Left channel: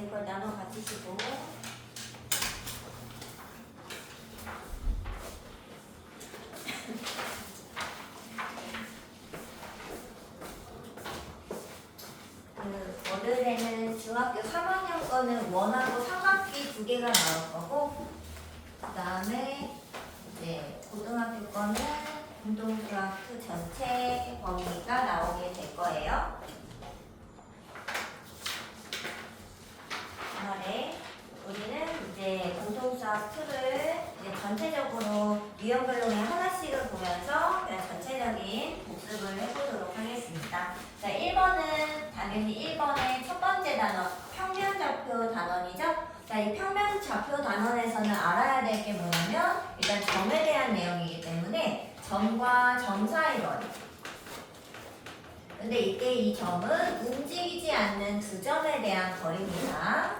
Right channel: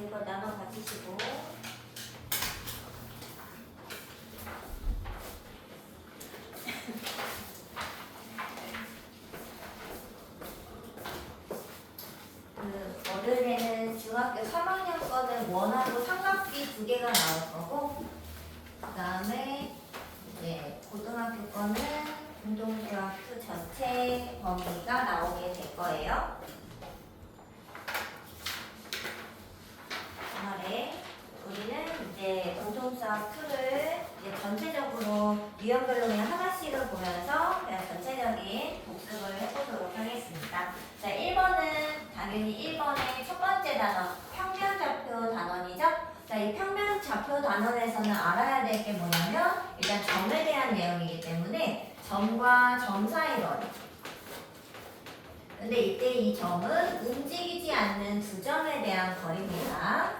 이거 나눠 가지시고. 월요일에는 중학교 3학년 거는 원하고 삼각비 2개가 나올 거고, 그 다음에 이제 고등학교 거는 공동수학 그 전체 범위가 나오게 될 거예요. 주말에 우리는 이제 공동수학 2를 이제 전체적으로 유형별로 그냥 하나씩을 보면서 그냥 전체적인 복습을 해보도록 하겠습니다. 자, 1번은 당연히 1번의 첫 번째 단원 평면좌표 단원이죠. 자, 이 평면좌표 단원에서는 알아야 될 게 뭐냐면 일단 점에 대한 내용이기 때문에 점과 점 사이 거리. 근데 이때 이 점은 움직이지 않는 두 점에 대한 거리입니다.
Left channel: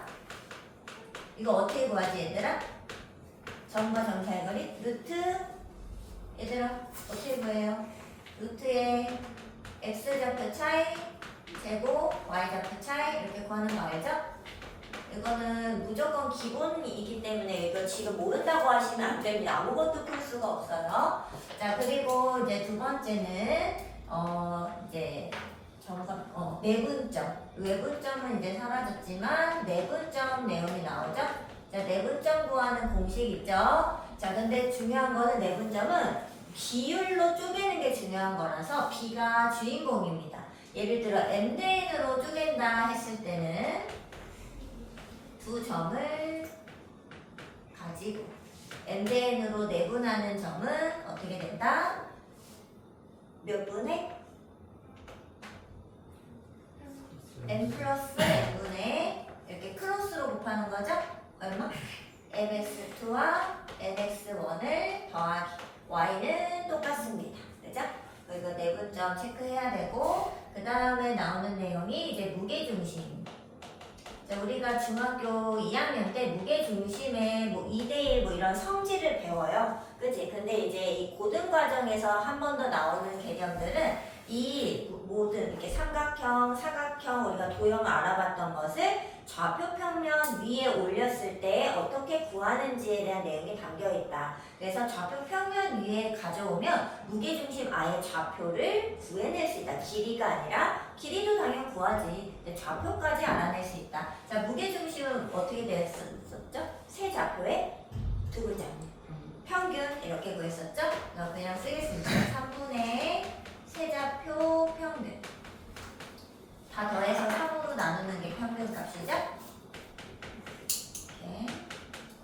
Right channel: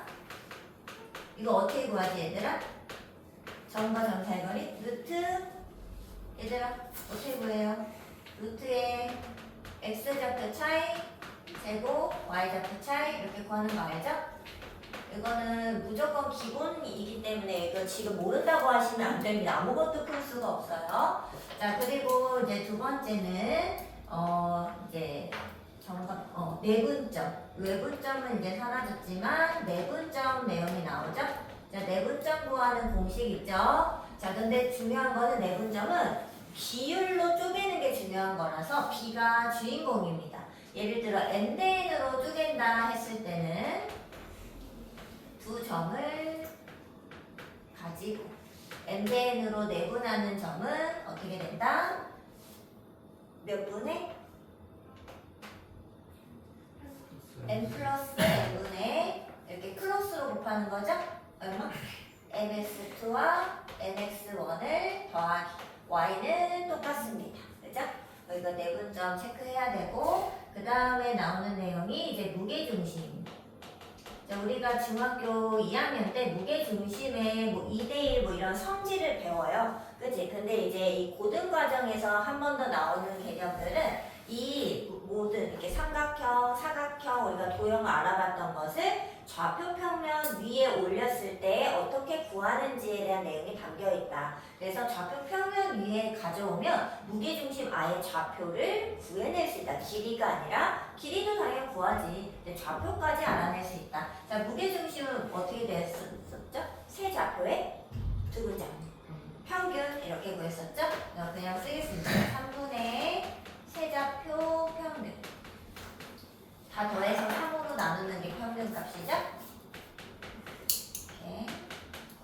이거 어떻게 구하지 얘들아? 점과 점 사이 거리? 루트 얘들아 어떻게 구해요? 루트의 x좌표 차이 제곱 y좌표 차이 이렇게 구하는 거 알죠? 이거는 무조건 기본이기 때문에 이거 지금 모른다고 하시면 안 됩니다. 아무것도 풀 수가 없어요. 자, 그리고 이제 두 번째는 이제 내분점. 외분점은 이제 사라졌지만 내분점 내용이 나오죠. 자, 내분점 구하는 공식 있죠. 자, 근데 중요한 거는 내분점은 비율로 쪼개는 게 중요한 거라서 B가 주인공입니다. 예를 들어 M대N으로 쪼갠다 했을 때는 두 점을 가지고 M대N으로 내분하는 점은 어떻게 된다? 몇 분의? N 플러스 N분의 이렇게 클로스로 곱하는 거죠? 얼마? MX2와 NX1을 더하기 Y는 똑같습니다. 그죠? 이거 내분점 체크해야 되고 그 다음에 나오는 내용이 이제 무게중심. 자, 우리가 중학교 2학년 때 무게중심의 뭐 2대1 뭐 이런 성질을 배워요. 그치? 근데 이제 이 고등과정에서 한 번 더 나오는 개념들은 이 모든 이렇게 삼각형, 사각형 우리가 도형 알아봤던 것을 좌표 평면 위에 올렸을 때 어떻게 구하는지에 대한 내용이 담겨 있다. 그래서 좌표 평면 위에 가져오면 무게중심 아예 좌표를 구해낼 수 있다. 길이가 아니라 길이도 당연히 구하지. 근데 좌표까지 알아낼 수 있다. 자, 무게중심은 어떻게 됐었죠? 세 좌표에 두 글자. 평균 이렇게 구했었죠? 그냥 쓰겠습니다. 3분의 세좌표 평균. 다 더해서 3으로 나누는 게 평균 값이죠? 이렇게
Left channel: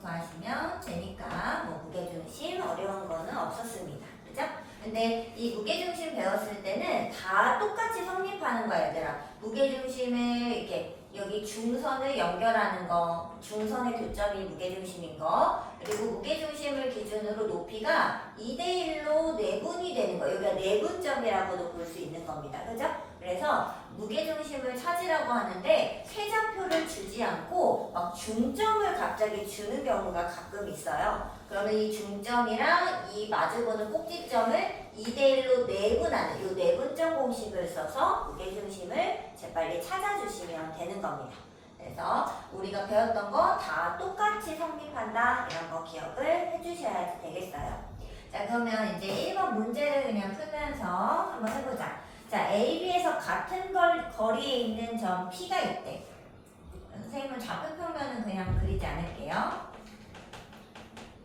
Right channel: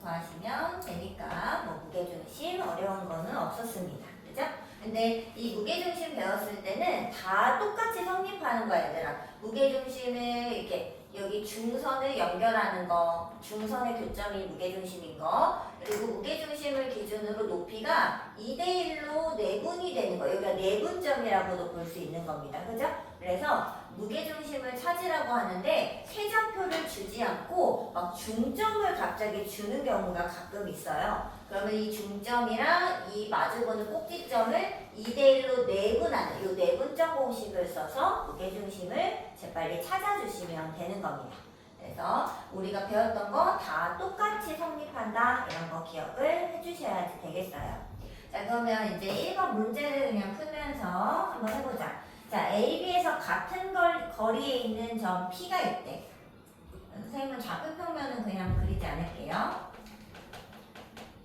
구하시면 되니까 뭐 무게중심 어려운 거는 없었습니다. 그죠? 근데 이 무게중심 배웠을 때는 다 똑같이 성립하는 거야, 얘들아. 무게중심을 이렇게 여기 중선을 연결하는 거, 중선의 교점이 무게중심인 거, 그리고 무게중심을 기준으로 높이가 2대1로 내분이 되는 거, 여기가 내분점이라고도 볼 수 있는 겁니다. 그죠? 그래서 무게중심을 찾으라고 하는데 세좌표를 주지 않고 막 중점을 갑자기 주는 경우가 가끔 있어요. 그러면 이 중점이랑 이 마주보는 꼭지점을 2대1로 내분하는 이 내분점 공식을 써서 무게중심을 재빨리 찾아주시면 되는 겁니다. 그래서 우리가 배웠던 거 다 똑같이 성립한다 이런 거 기억을 해주셔야 되겠어요. 자, 그러면 이제 1번 문제를 그냥 풀면서 한번 해보자. 자, A, B에서 같은 거리에 있는 점 P가 있대. 선생님은 좌표 평면은 그냥 그리지 않을게요.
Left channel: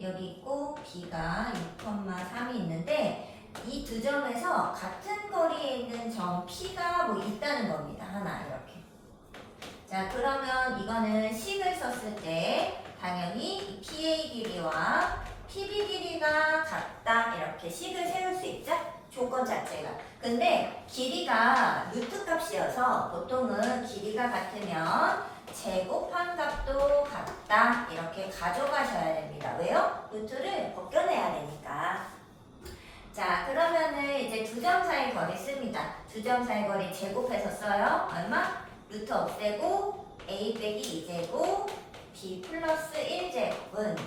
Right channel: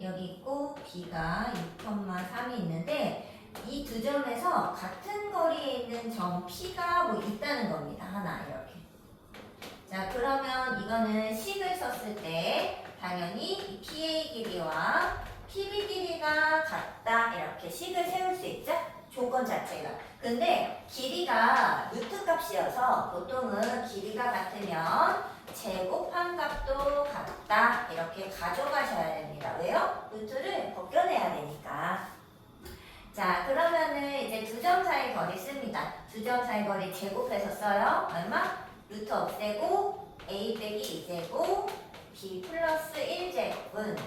여기 있고 B가 6,3이 있는데 이 두 점에서 같은 거리에 있는 점 P가 뭐 있다는 겁니다. 하나 이렇게. 자, 그러면 이거는 식을 썼을 때 당연히 이 PA 길이와 PB 길이가 같다 이렇게 식을 세울 수 있죠? 조건 자체가. 근데 길이가 루트 값이어서 보통은 길이가 같으면 제곱한 값도 같다 이렇게 가져가셔야 됩니다. 왜요? 루트를 벗겨내야 되니까. 자, 그러면은 이제 두 점 사이 거리 씁니다. 두 점 사이 거리 제곱해서 써요. 얼마? 루트 없애고 a 빼기 2제곱 b 플러스 1제곱은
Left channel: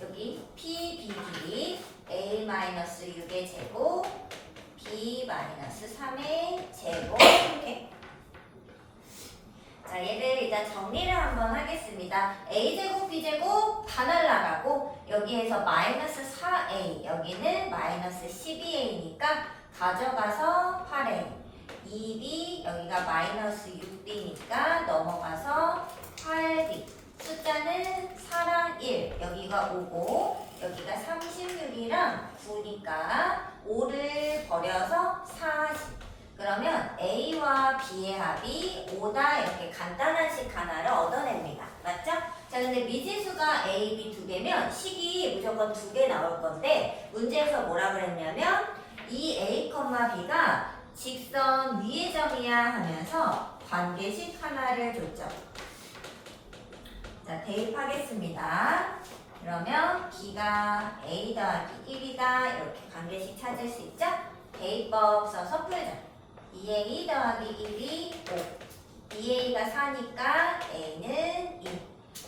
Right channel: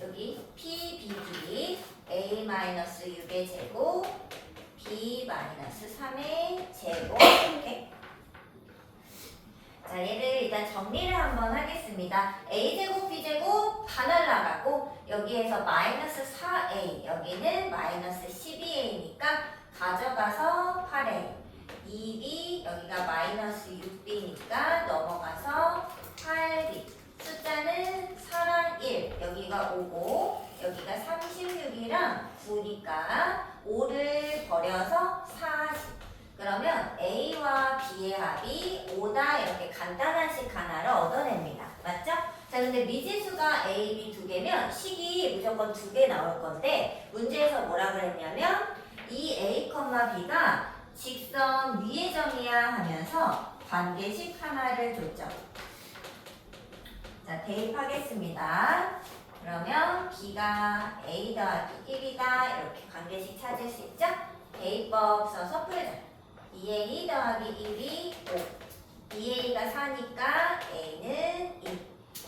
여기 p, b 길이 a 마이너스 6의 제곱 b 마이너스 3의 제곱 이렇게. 자, 얘를 일단 정리를 한번 하겠습니다. a제곱, b제곱 다 날라가고 여기에서 마이너스 4a, 여기는 마이너스 12a니까 가져가서 8a. 2b, 여기가 마이너스 6b니까 넘어가서 8b. 숫자는 4랑 1, 여기가 5고 여기가 36이랑 9니까 5를 버려서 40. 그러면 A와 B의 합이 5다 이렇게 간단한 식 하나를 얻어냅니다. 맞죠? 자, 근데 미지수가 A, B 두 개면 식이 무조건 두 개 나올 건데 문제에서 뭐라 그랬냐면 이 A, B가 직선 위의 점이야 하면서 관계식 하나를 줬죠. 자, 대입하겠습니다. 그러면 B가 A 더하기 1이다 이렇게 관계식 찾을 수 있죠? 대입법 써서 풀자. 2a 더하기 1이 5. 2a가 4니까 a는 2.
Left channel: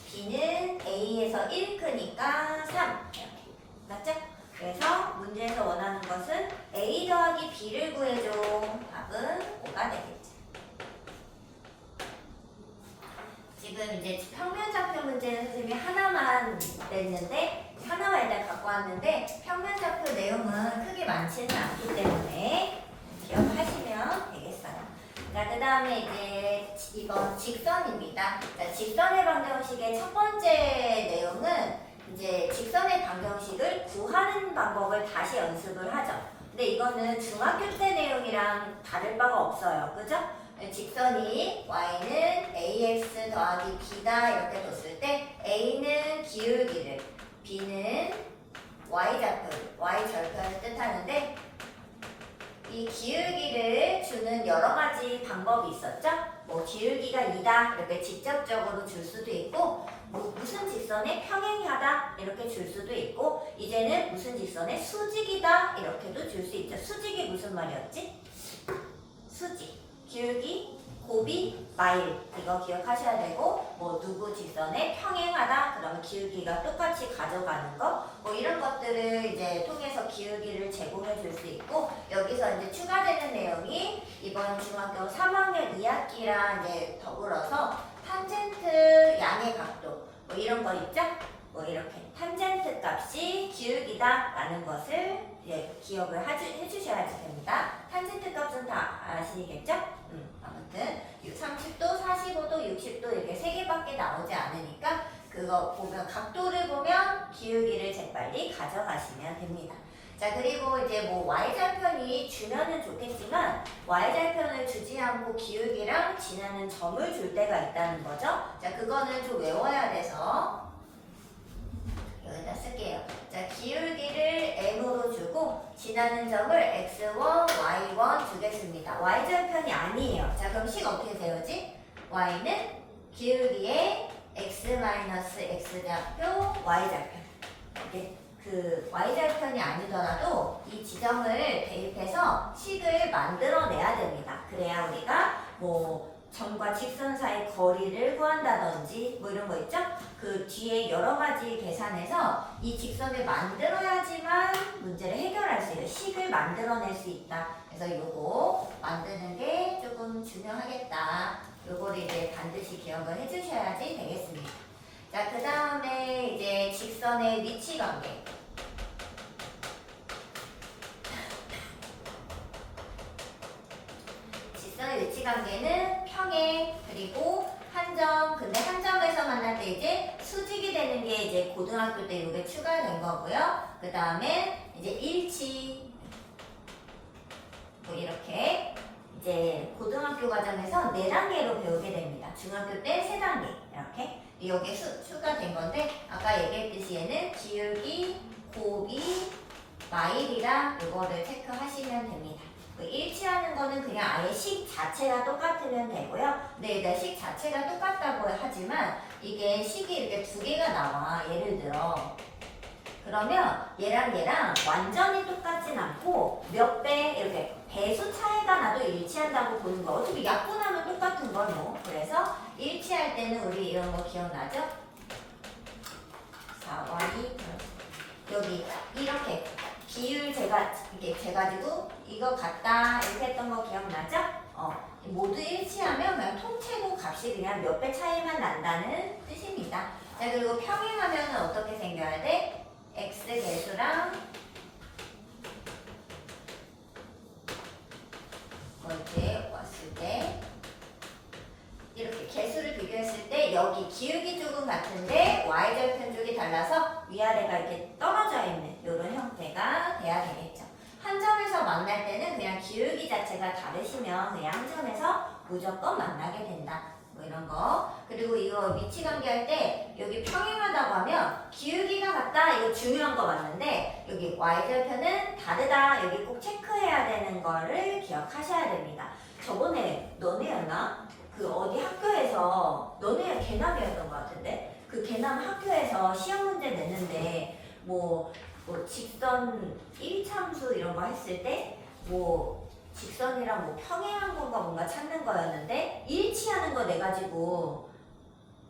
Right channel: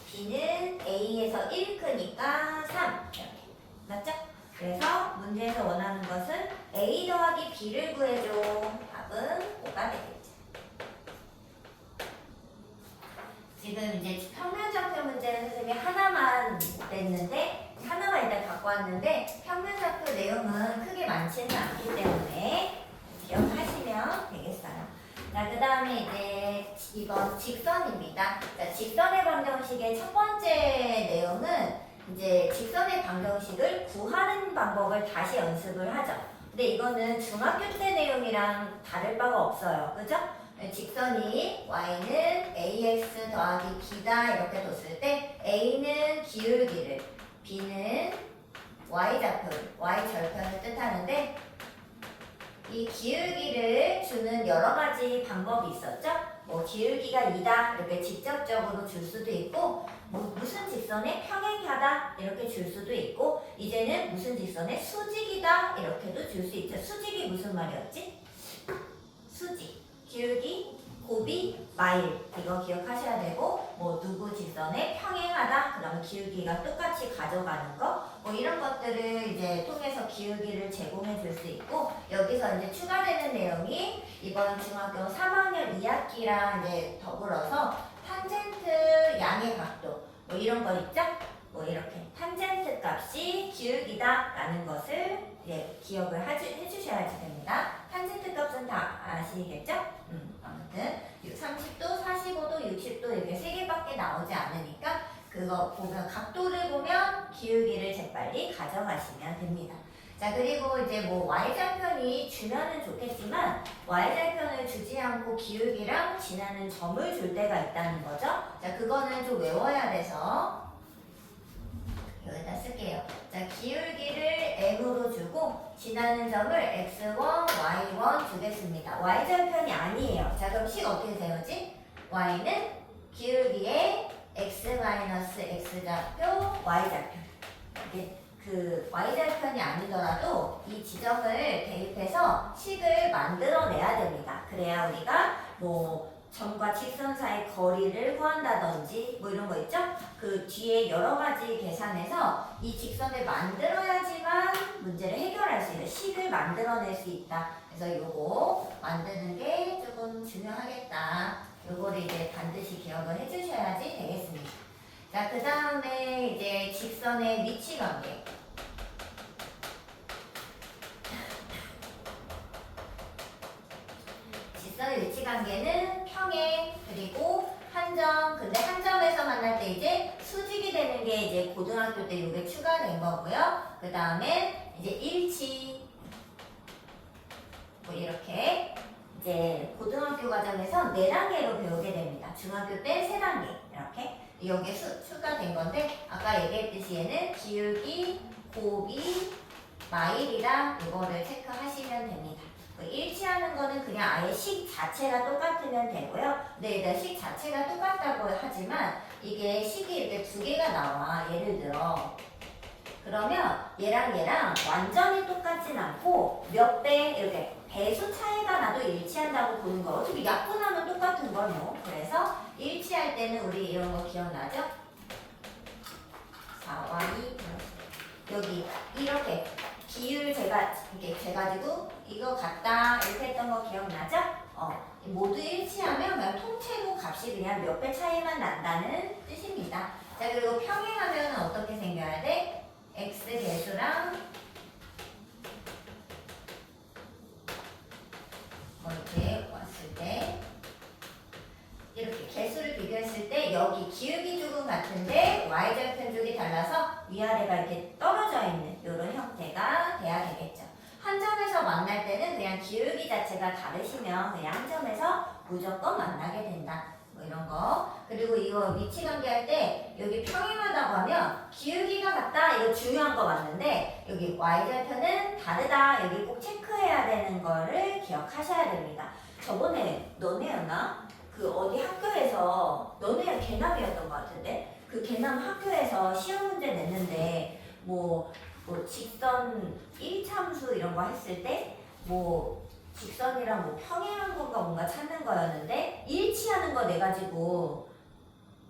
b는 a에서 1 크니까 3. 이렇게. 맞죠? 그래서 문제에서 원하는 것은 a 더하기 b를 구해줘. 답은 5가 되겠죠. 지금 이제 평면좌표 문제는 선생님이 하나만 냈는데 하나만 일단 갖고 왔는데 평면좌표 내용은 크게 많지는 않기 때문에 기억하시면 되겠어요. 자, 그 다음에 이제 이번 직선입니다. 자, 직선의 방정식의 첫 번째 내용은 이제 직선의 방정식을 구하는 방법을 다시 연습을 하죠. 근데 이거는 중학교 때 내용이랑 다를 바가 없어요. 그죠? 직선이 y는 ax 더하기 b다 이렇게 뒀을 때 a는 기울기를, b는 y절편을 뜻하는데 이 기울기를 주는 여러 가지 방법이 있었죠? 뭐 기울기가 2다 이렇게 직접적으로 줄 수도 있고 무슨 직선에 평행하다 이렇게 줄 수도 있고 이제는 무슨 직선에 수직이다 이렇게도 줄 수 있죠. 수직이 무슨 말이었지? 수직, 기울기, 고비, 마일 이거 기억하셔야 되고 뭐 누구 직선에 평행하다 그러면 기울기가 똑같이 가져가는 거 뭐 이런 것들을 이제 통해서 기울기를 제공해 줄 수 있고 여기서 이제 추가되는 내용이 이번 중학교 3학년 2학기랑 이제 더불어서 탄젠트 양의 각도 뭐 이런 거 있죠? 뭐 이렇게 탄젠트 값이 기울기다 라는 것을 이제 기억을 해주셔야지 됩니다. 탄젠트 값은 다 아시겠죠? 아무튼 30도, 45도, 60도 이렇게 3개밖에 나오지 않으니까 그거 보면 각도를 보면 기울기를 재빨리 가져가시면 됩니다. 자, 그리고 이제 뭐 y절편이 주면은 좋겠지만 y절편을 주지 않고 기울기랑 지나는 점을 줄 때가 있다는 거죠. 자, 그거는 좀 외워야 돼서 여기다 쓸게요. 자, 기울기를 m으로 주고 지나는 점을 x1, y1 주겠습니다. y절편이 아니에요. 자, 그럼 식 어떻게 세우지? y는 기울기에 x-x좌표, y좌표. 이게 그 y절편이 아니더라도 이 지점을 대입해서 식을 만들어내야 됩니다. 그래야 우리가 뭐 점과 직선 사이 거리를 구한다든지 뭐 이런 거 있죠? 그 뒤에 여러 가지 계산해서 이 직선을 만들어야지만 문제를 해결할 수 있어요. 식을 만들어낼 수 있다. 그래서 요거 만드는 게 조금 중요하겠다. 요거를 이제 반드시 기억을 해주셔야지 되겠습니다. 자, 그 다음에 이제 직선의 위치 관계. 직선의 위치 관계는 평행 그리고 한 점. 근데 한 점에서 만날 때 이제 수직이 되는 게 이제 고등학교 때 이게 추가된 거고요. 그 다음에 이제 일치. 뭐 이렇게 이제 고등학교 과정에서 4단계로 배우게 됩니다. 중학교 때 3단계 이렇게. 여기에 추가된 건데 아까 얘기했듯이 얘는 기울기, 고비, 마일이랑 이거를 체크하시면 됩니다. 일치하는 거는 그냥 아예 식 자체가 똑같으면 되고요. 근데 일단 식 자체가 똑같다고 하지만 이게 식이 이렇게 2개가 나와. 예를 들어 그러면 얘랑 완전히 똑같진 않고 몇 배 이렇게 배수 차이가 나도 일치한다고 보는 거. 어차피 약분하면 똑같은 걸 뭐. 그래서 일치할 때는 우리 이런 거 기억나죠? 4와 2 여기 이렇게 비율 제가 이게 재가지고 이거 같다 이렇게 했던 거 기억나죠? 모두 일치하면 그냥 통째로 값이 그냥 몇 배 차이만 난다는 뜻입니다. 자, 그리고 평행하면 어떻게 생겨야 돼? x 개수랑 이렇게 왔을 때 이렇게 개수를 비교했을 때 여기 기울기 쪽은 같은데 y절편 쪽이 달라서 위아래가 이렇게 떨어져 있는 이런 형태가 돼야 되겠죠. 한 점에서 만날 때는 그냥 기울기 자체가 다르시면 그냥 한 점에서 무조건 만나게 된다. 뭐 이런 거. 그리고 이거 위치 관계할 때 여기 평행하다고 하면 기울기가 같다. 이거 중요한 거 맞는데 여기 y절편은 다르다. 여기 꼭 체크해야 되는 거를 기억하셔야 됩니다. 저번에 너네였나? 그 어디 학교에서 너네 개남이었던 것 같은데 그 개남 학교에서 시험 문제 냈는데 뭐 직선 1참수 이런 거 했을 때 뭐 직선이랑 뭐 평행한 거가 뭔가 찾는 거였는데 일치하는 거 내가지고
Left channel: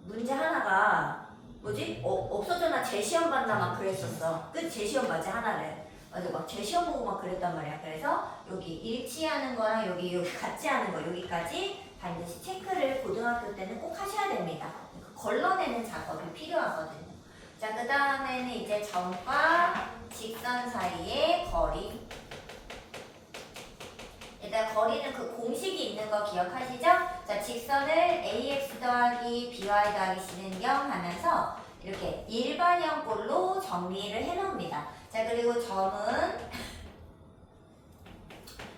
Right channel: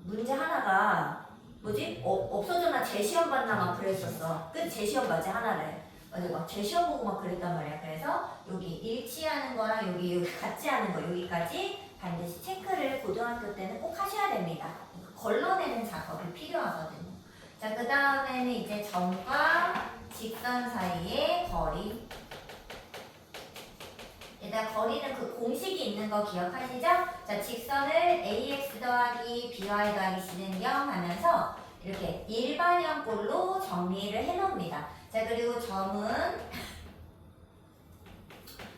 문제 하나가 뭐지? 없어져나 재시험 봤나 막 그랬었어. 그 재시험 맞지 하나를. 맞아 막 재시험 보고 막 그랬단 말이야. 그래서 여기 일치하는 거랑 여기 같지 않은 거 여기까지 반드시 체크를 고등학교 때는 꼭 하셔야 됩니다. 걸러내는 작업이 필요하거든요. 자, 그 다음에는 이제 점과 직선 사이의 거리. 일단 거리는 그 공식이 있는 거 기억하시죠? 자, 직선을 ax 더하기 by 더하기 c는 0 하면서 이렇게 일반형꼴로 정리를 해놓습니다. 자, 그리고 점은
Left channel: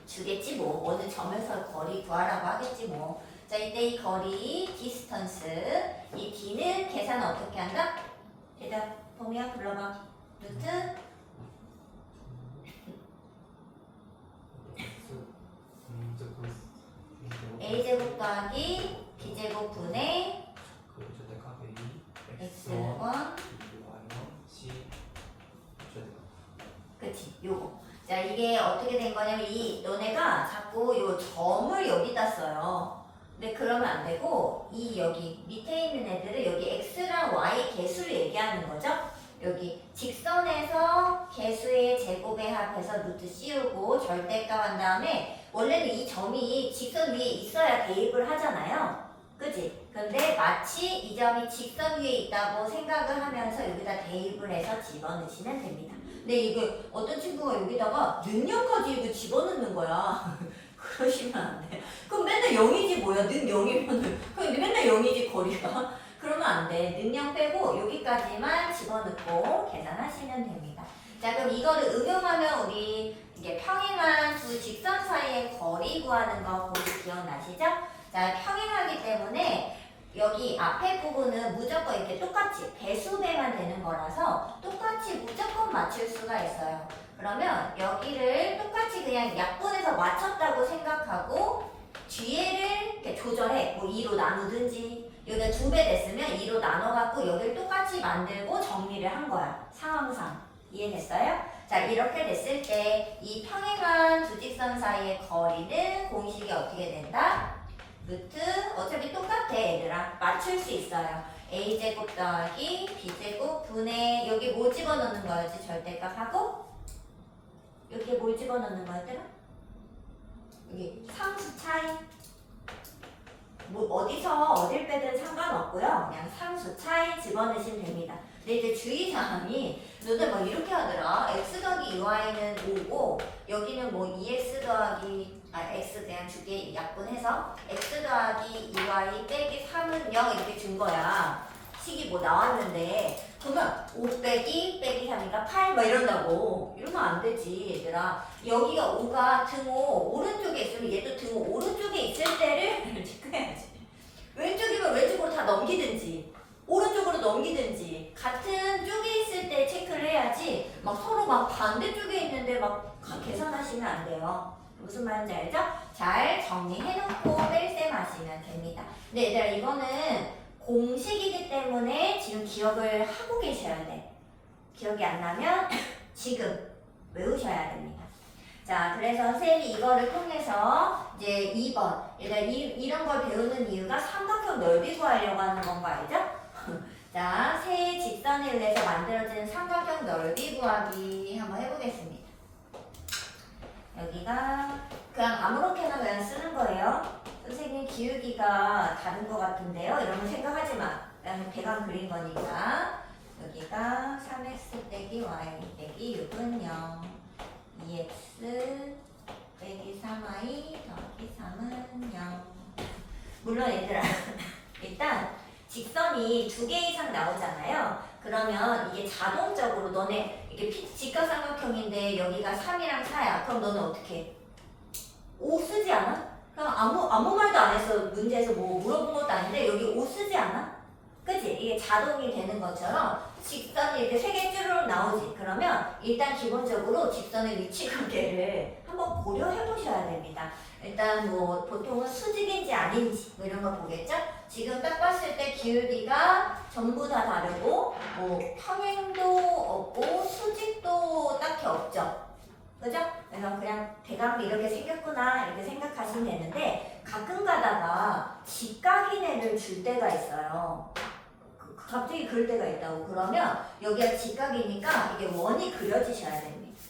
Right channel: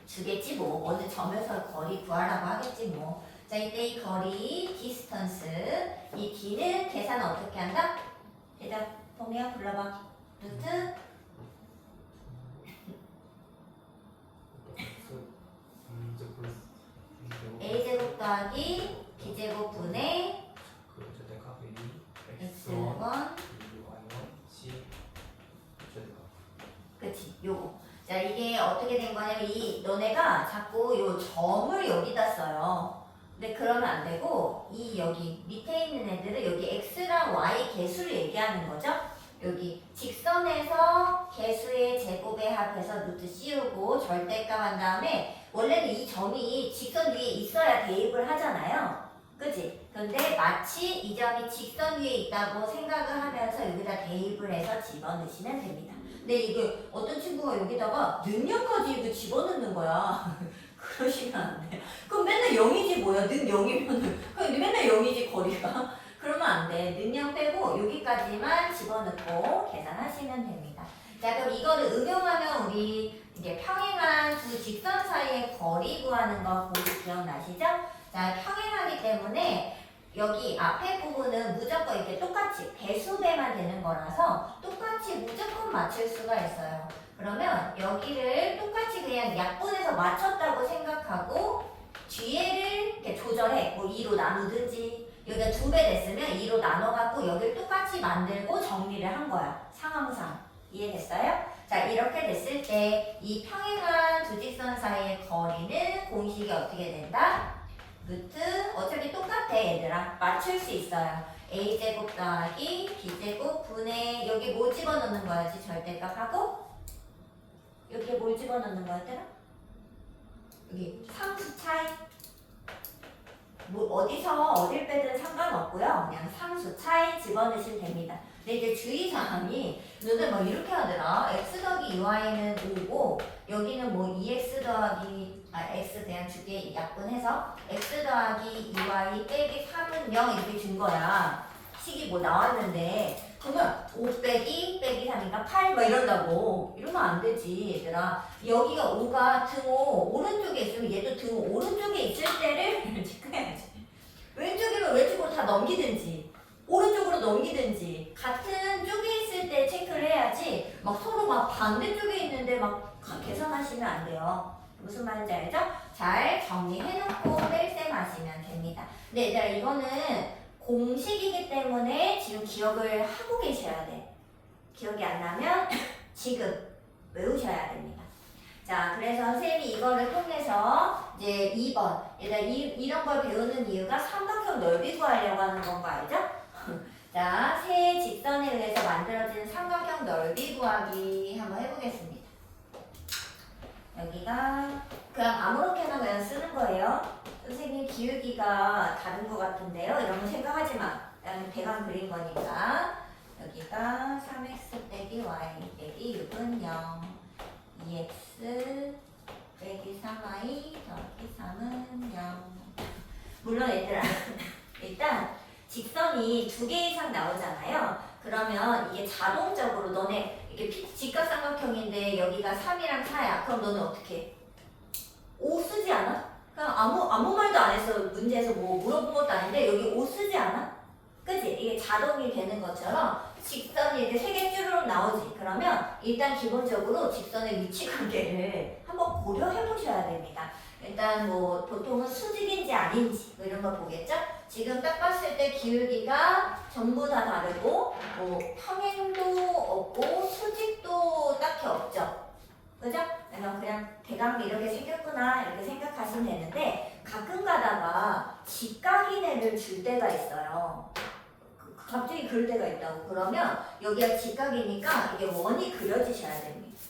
주겠지 뭐. 어느 점에서 거리 구하라고 하겠지 뭐. 자, 이때 이 거리 distance 이 d는 계산 어떻게 한다? 대답 범위야 불러봐. 루트 a제곱 더하기 b제곱 분의 x1 그치 요거. 자, 이게 어떻게 된 거냐면 이 너네가 자꾸 요 점을 여기다 써요. 근데 그러면 안 되고 이 여기 밑에 있는 애들은 여기 x랑 y 개수를 얘기하는 거죠. 여기 직선에서 개수의 제곱에 합해서 루트 씌우고 절대값 한 다음에 원래는 이 점이 직선 위에 있어야 대입을 하잖아요. 그치? 근데 마치 이 점이 직선 위에 있다고 생각을 하면서 여기다 대입을 해서 집어넣으시면 됩니다. 근데 이게 어떤 친구가 여기다가 능력까지 이거 집어넣는 거야. 그러시면 안 돼. 그럼 맨날 0이지 뭐야. 는 0이면은 그럼 맨날 0이지 거리가. 그러면 안 돼. 능력 빼고 여기까지만 집어넣고 계산하시면 됩니다. 자, 그럼 이거를 응용하면 우리 이게 평행한 두 직선 사이의 거리 구하는 거 혹시 기억나시죠? 자, 평행하기 때문에 여기 앞에 부분은 무조건 이렇게 똑같이 배수배만 되는 거라서 똑같이 무조건 맞출 수가 있어요. 그러면 여기를 똑같이 그냥 약분해서 맞췄다고 생각하고 뒤에를 이렇게 조절해. 뭐 2로 나누든지 여기가 2배 됐으면 2로 나눠갖고 여기를 똑같이 만들고 정리를 한 거야. 상황상. 이해됐어요? 자, 이렇게 됐을 때 이 평행한 두 직선 사이의 거리는 공식이 어떻게 된다? 루트 어차피 똑같아 얘들아. 맞출 수 있어요. a제곱 더하기 b제곱 분의 여기 뭐 집어넣는 거야지 절대값하고 여기에 뭘 집어넣는 거였더라? 여기 상수 차이 뭐 어디서 어딜 빼든 상관없고요. 그냥 상수 차이 집어넣으시면 됩니다. 근데 이제 주의사항이 너네 막 이렇게 하더라. x 더하기 2y는 5고 여기는 뭐 2x 더하기 x 그냥 두 개 약분해서 x 더하기 2y 빼기 3은 0 이렇게 준 거야. 식이 뭐 나왔는데 그러면 5 빼기 3이니까 8 뭐 이런다고. 이러면 안 되지 얘들아. 여기가 5가 등호 오른쪽에 있으면 얘도 등호 오른쪽에 있을 때를 체크해야지. 왼쪽이면 왼쪽으로 다 넘기든지 오른쪽으로 넘기든지 같은 쪽에 있을 때 체크를 해야지 막 서로 막 반대쪽에 있는데 막 계산하시면 안 돼요. 무슨 말인지 알죠? 잘 정리해놓고 뺄셈 하시면 됩니다. 근데 얘들아 이거는 공식이기 때문에 지금 기억을 하고 계셔야 돼. 기억이 안 나면 지금 외우셔야 됩니다. 자, 그래서 선생님이 이거를 통해서 이제 2번 일단 이런 걸 배우는 이유가 삼각형 넓이 구하려고 하는 건 거 알죠? 자, 세 직선에 의해서 만들어지는 삼각형 넓이 구하기 한번 해보겠습니다. 여기가 그냥 아무렇게나 그냥 쓰는 거예요. 선생님 기울기가 다른 것 같은데요. 이런 거 생각하지 마. 나는 대강 그린 거니까. 여기가 3x 빼기 y 빼기 6은 0. 2x 빼기 3y 더하기 3은 0. 물론 얘들아 일단 직선이 2개 이상 나오잖아요. 그러면 이게 자동적으로 너네 이게 직각삼각형인데 여기가 3이랑 4야. 그럼 너는 어떻게 해? 5 쓰지 않아? 그냥 아무 말도 안 해서 문제에서 뭐 물어본 것도 아닌데 여기 5 쓰지 않아? 그치? 이게 자동이 되는 것처럼 직선이 이렇게 3개 쭈루룩 나오지. 그러면 일단 기본적으로 직선의 위치 관계를 한번 고려해 보셔야 됩니다. 일단 뭐 보통은 수직인지 아닌지 뭐 이런 거 보겠죠? 지금 딱 봤을 때 기울기가 전부 다 다르고 뭐 평행도 없고 수직도 딱히 없죠. 그죠? 그래서 그냥 대강 이렇게 생겼구나 이렇게 생각하시면 되는데 가끔 가다가 직각인 애를 줄 때가 있어요. 갑자기 그럴 때가 있다고. 그러면 여기가 직각이니까 이게 원이 그려지셔야 됩니다.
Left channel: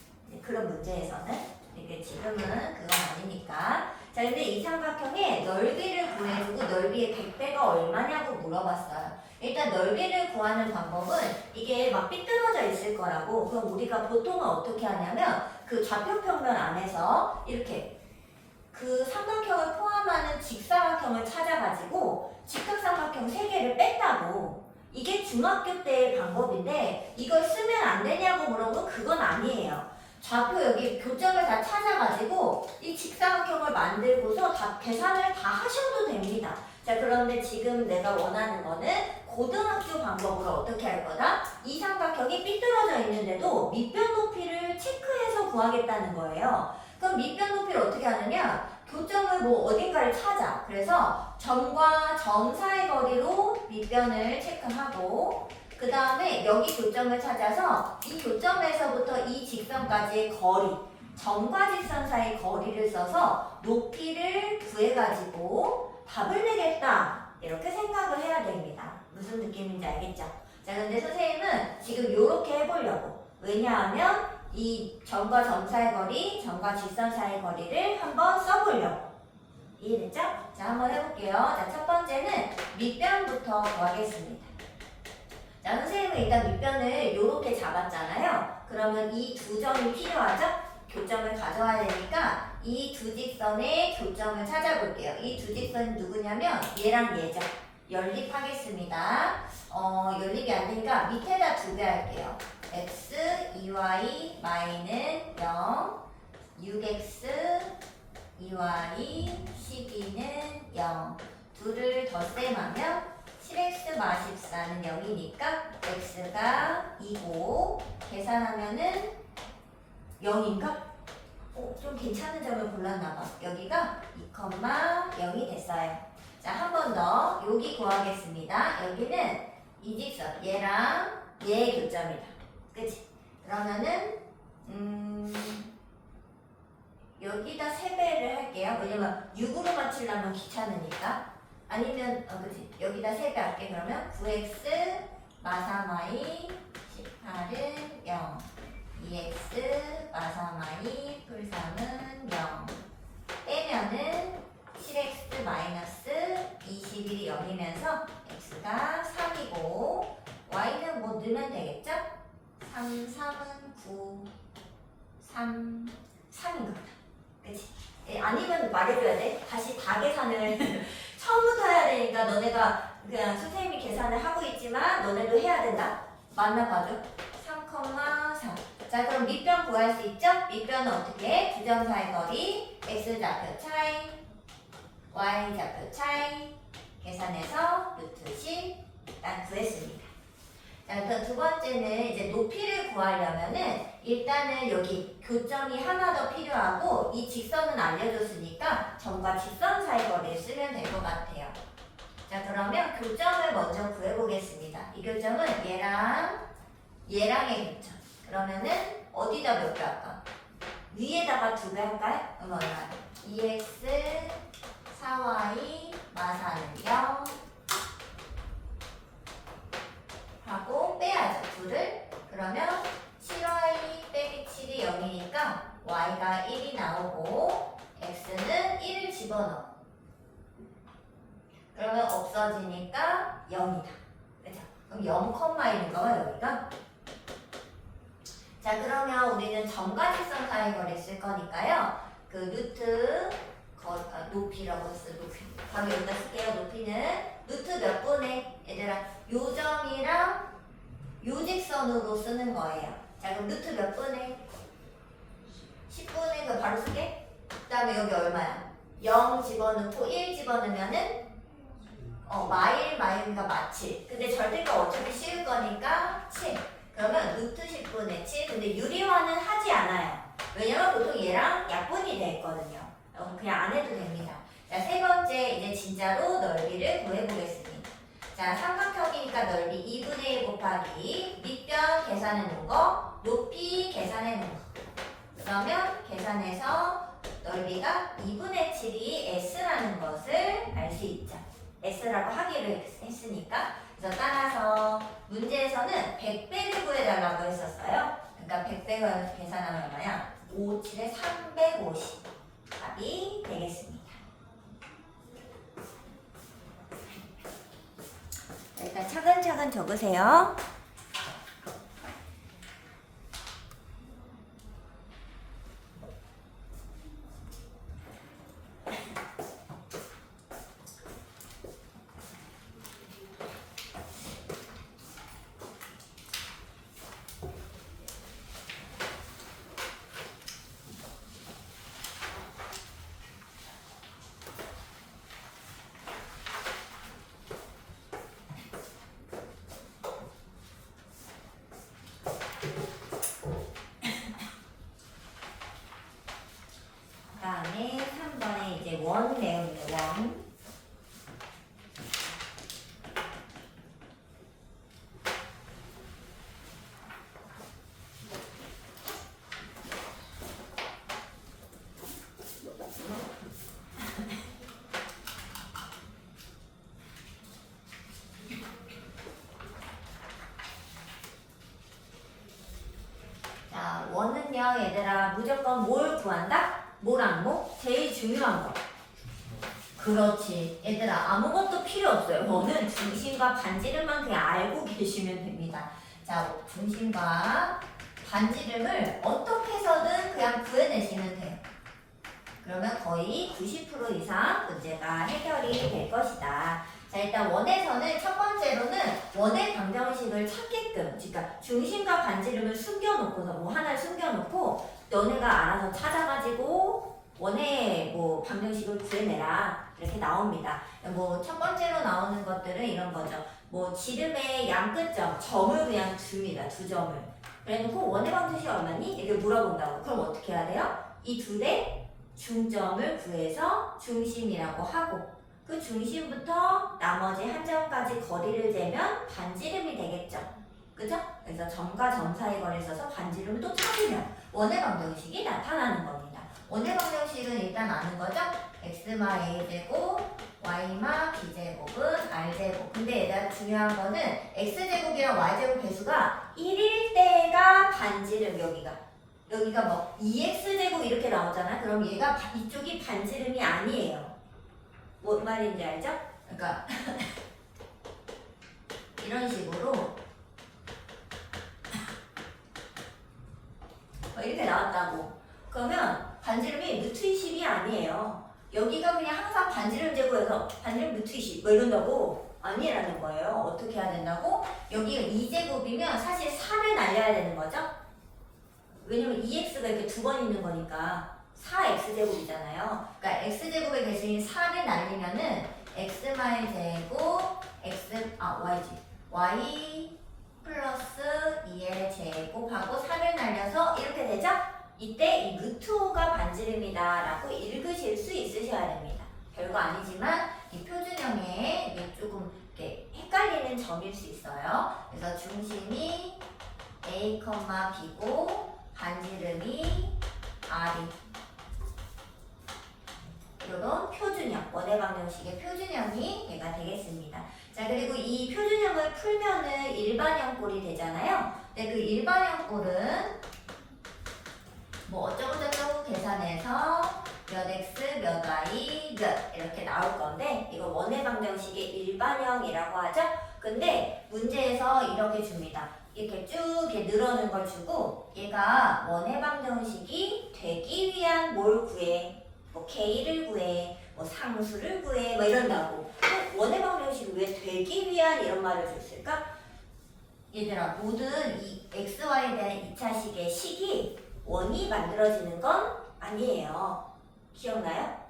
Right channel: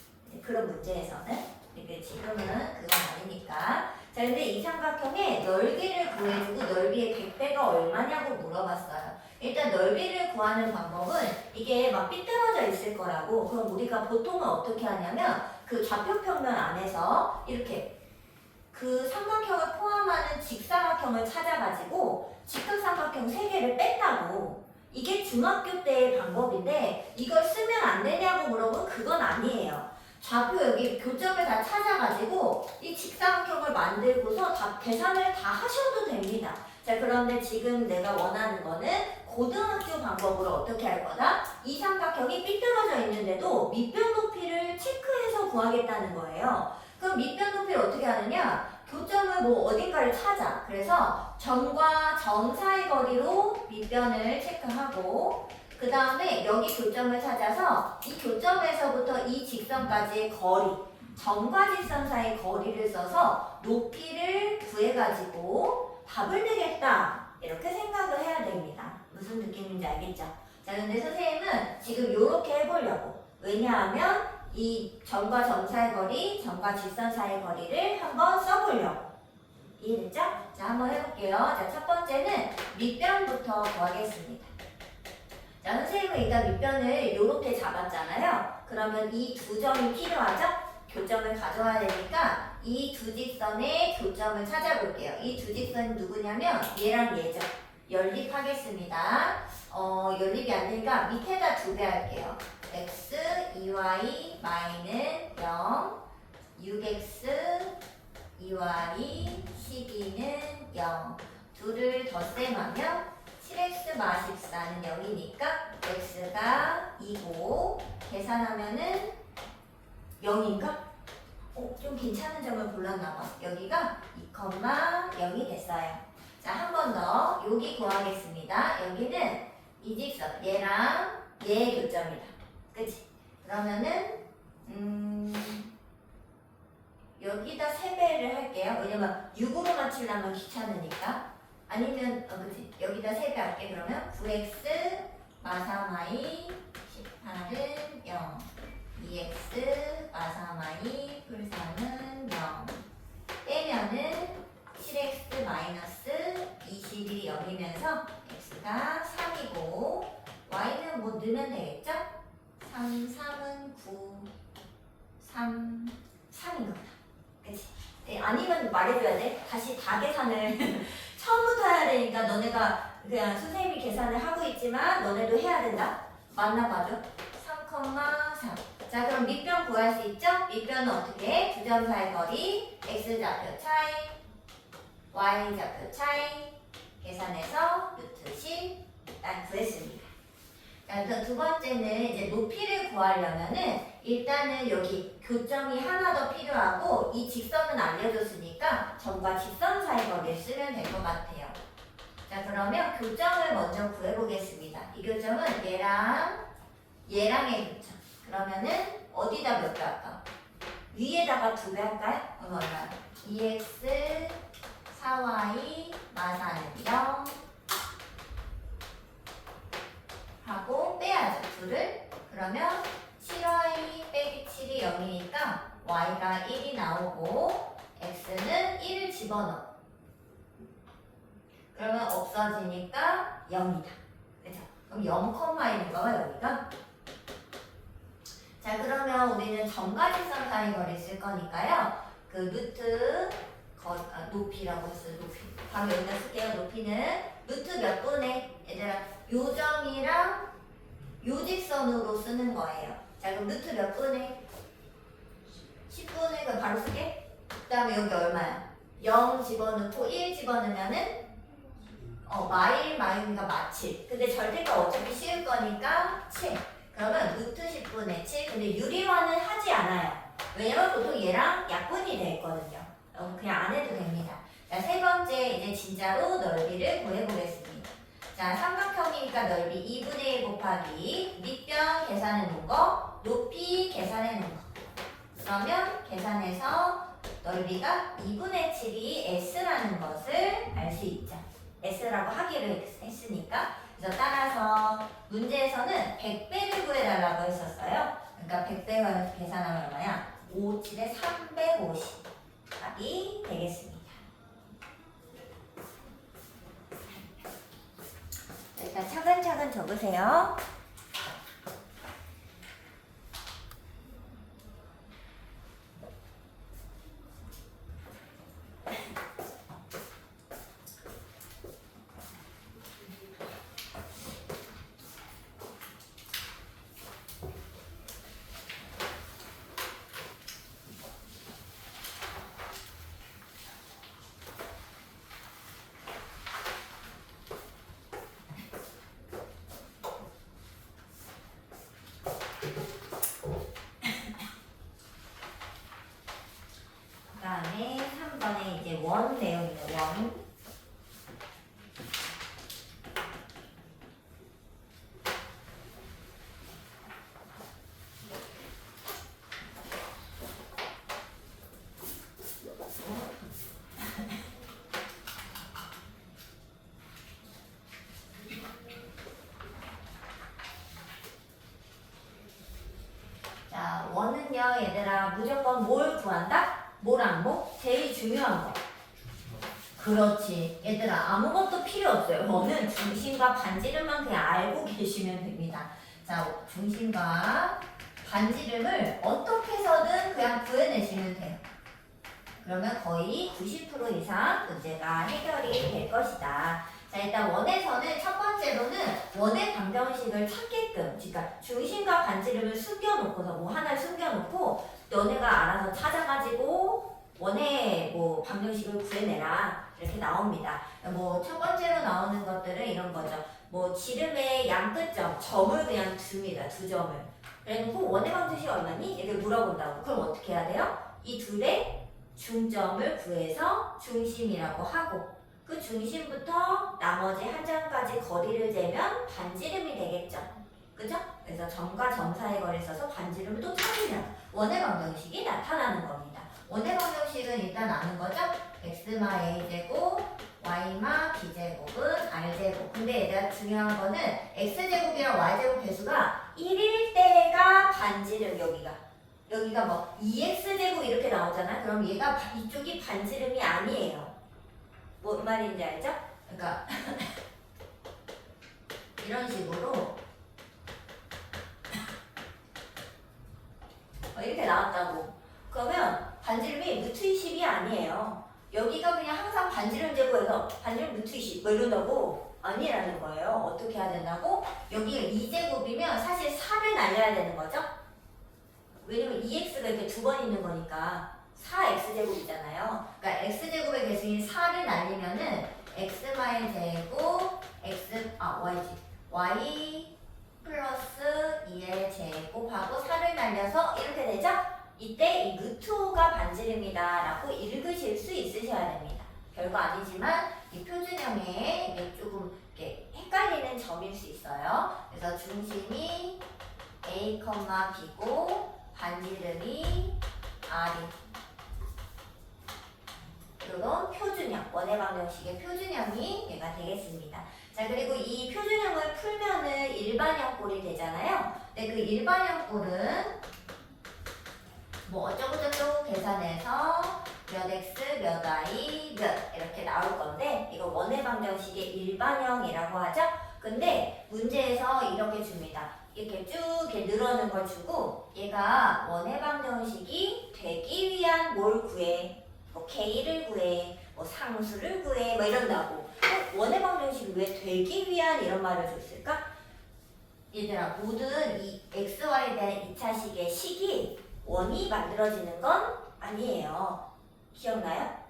그런 문제에서는. 이게 지금은 그건 아니니까. 자, 근데 이 삼각형의 넓이를 구해주고 넓이의 100배가 얼마냐고 물어봤어요. 일단 넓이를 구하는 방법은 이게 막 삐뚤어져 있을 거라고. 그럼 우리가 보통은 어떻게 하냐면 그 좌표평면 안에서 이렇게 그 삼각형을 포함하는 직사각형을 찾아가지고 직각삼각형 3개를 뺐다고. 이게 중학교 때의 방법인데 이걸 쓰면 안 되냐고 물어보면 그건 아니에요. 좌표 여기 교점을 다 찾아가지고 이 직사각형을 만들고서 다 계산을 다 하셔도 됩니다. 자, 그런데 지금 내가 원하는 거는 고등학교 방법으로 어떻게 할 거다? 이 삼각형이 삐뚤어져 있는데도 밑변 높이를 체크해서 구하겠다는 거예요. 그럼 밑변 높이를 어떻게 하느냐? 교점을 뭐 어딘가를 찾아. 그래서 점과 점 사이 거리로 밑변을 체크하고 그 다음에 여기 교점을 찾아서 이 교점에서부터 이 직선까지의 거리, 점과 직선 사이 거리를 써서 높이를 구해가지고 답을 내겠다. 이렇게 생각을 해야 됩니다. 무슨 느낌인지 알겠죠? 자, 근데 선생님은 지금 이렇게 해보려고. 왜냐하면 이 점과 점 사이 거리, 점과 직선 사이 거리를 한번 써보려고. 이해됐죠? 자, 한번 해볼게요. 자, 첫 번째는 밑변부터 구하겠습니다. 자, 선생님은 일단 밑변을 이렇게 잡았잖아요. 그러면 이 두 점이 필요하죠? 교점을 가져와야 되니까 이 두 직선의 교점을 찾아볼게요. 이 두 직선이 누구냐면 얘랑 얘죠. 연립하겠습니다. 연립이 안 되니까 밑에다 2배 할게요. x, 2y, y는 0, 6x, 2y, 12는 0. 둘을 덧셈하면 7x 마 14는 0이니까 x가 2고 계산하면은 0인가? 좀 괜찮은 점을 골랐나봐. 여기가 2,0이 됐어요. 자, 한 번 더 여기 구하겠습니다. 여기는 이 직선 얘랑 얘의 교점이다. 그치? 그러면은 여기다 3배를 할게요. 왜냐면 6으로 맞추려면 귀찮으니까. 아니면 그치? 여기다 3배 할게. 그러면 9x 마사마이 18은 0, 2x 마사마이 풀3은 0 빼면은 7x 마이너스 21이 0이면서 x가 3이고 y는 뭐 넣으면 되겠죠? 3, 3은 9, 3, 3인 거다. 그치? 네, 아니면 말해줘야 돼. 다시 다 계산을 처음부터 해야 되니까 너네가 그냥 선생님이 계산을 하고 있지만 너네도 해야 된다. 맞나 봐줘. 3,3. 자, 그럼 밑변 구할 수 있죠? 밑변은 어떻게 해? 두 점 사이 거리, x좌표 차이, y좌표 차이 계산해서 루트 10 딱 구했습니다. 자, 그럼 두 번째는 이제 높이를 구하려면은 일단은 여기 교점이 하나 더 필요하고 이 직선은 알려줬으니까 점과 직선 사이 거리를 쓰면 될 것 같아요. 자, 그러면 교점을 먼저 구해보겠습니다. 이 교점은 얘랑의 교점. 그러면은 어디다 몇 배 할까? 위에다가 2배 할까요? 그럼 얼마? 2x 4y 마사는 0 하고 빼야죠. 2를. 그러면 7y 빼기 7이 0이니까 y가 1이 나오고 x는 1을 집어 집어넣어. 그러면 없어지니까 0이다. 그죠? 그럼 0,1인가 여기가? 자, 그러면 우리는 점가지선 사이거리 쓸 거니까요. 그 루트 높이라고 했어요. 높이. 바로 여기다 쓸게요. 높이는 루트 몇 분의 얘들아 요 점이랑 요 직선으로 쓰는 거예요. 자, 그럼 루트 몇 분의 10분의 그 바로 쓸게. 그 다음에 여기 얼마야? 0 집어넣고 1 집어넣으면은 마일이가 마칠. 근데 절대가 어차피 씌울 거니까 7. 그러면 루트 10분의 7. 근데 유리화는 하지 않아요. 왜냐면 보통 얘랑 약분이 돼 있거든요. 그냥 안 해도 됩니다. 자, 세 번째 이제 진짜로 넓이를 구해보겠습니다. 자, 삼각형이니까 넓이 2분의 1 곱하기 밑변 계산해 놓은 거, 높이 계산해 놓은 거. 그러면 계산해서 넓이가 2분의 7이 S라는 것을 알 수 있죠. S라고 하기로 했으니까. 그래서 따라서 문제에서는 100배를 구해달라고 했었어요. 그러니까 100배가 계산하면 얼마야? 5, 7에 350 답이 되겠습니다. 일단 차근차근 적으세요. 그다음에 3번에 이제 원 내용이네. 원. 자, 원은요, 얘들아, 무조건 뭘 구한다? 뭐랑 뭐? 제일 중요한 거. 그렇지. 얘들아, 아무것도 필요 없어요. 원은 중심과 반지름만 그냥 알고 계시면 됩니다. 자, 중심과 반지름을 어떻게 해서든 그냥 구해내시면 돼요. 그러면 거의 90% 이상 문제가 해결이 될 것이다. 자, 일단 원에서는 첫 번째로는 원의 방정식을 찾게끔, 그러니까 중심과 반지름을 숨겨놓고서 뭐 하나를 숨겨놓고 너네가 알아서 찾아가지고 원의 뭐 방정식을 구해내라 이렇게 나옵니다. 뭐 첫 번째로 나오는 것들은 이런 거죠. 뭐 지름의 양끝점 점을 그냥 줍니다. 두 점을. 그래놓고 원의 방정식이 얼마니? 이렇게 물어본다고. 그럼 어떻게 해야 돼요? 이 둘의 중점을 구해서 중심이라고 하고 그 중심부터 나머지 한 점까지 거리를 재면 반지름이 되겠죠. 그죠? 그래서 점과 점 사이 거리를 써서 반지름을 또 찾으면 원의 방정식이 나타나는 겁니다. 원의 방정식은 일단 아는 거죠? x마 a제곱, y마 b제곱은 r제곱. 근데 얘들아 중요한 거는 x제곱이랑 y제곱 배수가 1일 때가 반지름 여기가 뭐 2x제곱 이렇게 나오잖아. 그럼 얘가 이쪽이 반지름이 아니에요. 뭔 말인지 알죠? 그러니까 이런 식으로 이렇게 나왔다고. 그러면 반지름이 루트 20이 아니에요. 여기가 그냥 항상 반지름 제곱해서 반지름 루트 20 뭐 이런다고? 아니라는 거예요. 어떻게 해야 된다고? 여기가 2제곱이면 사실 4를 날려야 되는 거죠? 왜냐면 2x가 이렇게 두 번 있는 거니까 4x제곱이잖아요. 그러니까 x제곱의 개수인 4를 날리면은 x마의 제곱 y 플러스 2의 제곱하고 4를 날려서 이렇게 되죠? 이때 이 루트 5가 반지름이다 라고 읽으실 수 있으셔야 됩니다. 별거 아니지만 이 표준형에 이게 조금 이렇게 헷갈리는 점일 수 있어요. 그래서 중심이 a, b고 반지름이 r이 이런 표준형, 원의 방정식의 표준형이 얘가 되겠습니다. 자, 그리고 이 표준형을 풀면은 일반형 꼴이 되잖아요. 근데 그 일반형 꼴은 뭐 어쩌고저쩌고 계산해서 몇 x, 몇 y, 이렇게 나올 건데 이거 원의 방정식의 일반형이라고 하죠. 근데 문제에서 이렇게 줍니다. 이렇게 쭉 이렇게 늘어는 걸 주고 얘가 원의 방정식이 되기 위한 뭘 구해? 뭐 K를 구해, 뭐 상수를 구해, 뭐 이런다고. 원의 방정식이 왜 되기 위한 이런 말을 줬을까? 얘들아, 모든 이 XY에 대한 2차식의 식이 원이 만들어지는 건 아니에요. 기억나요?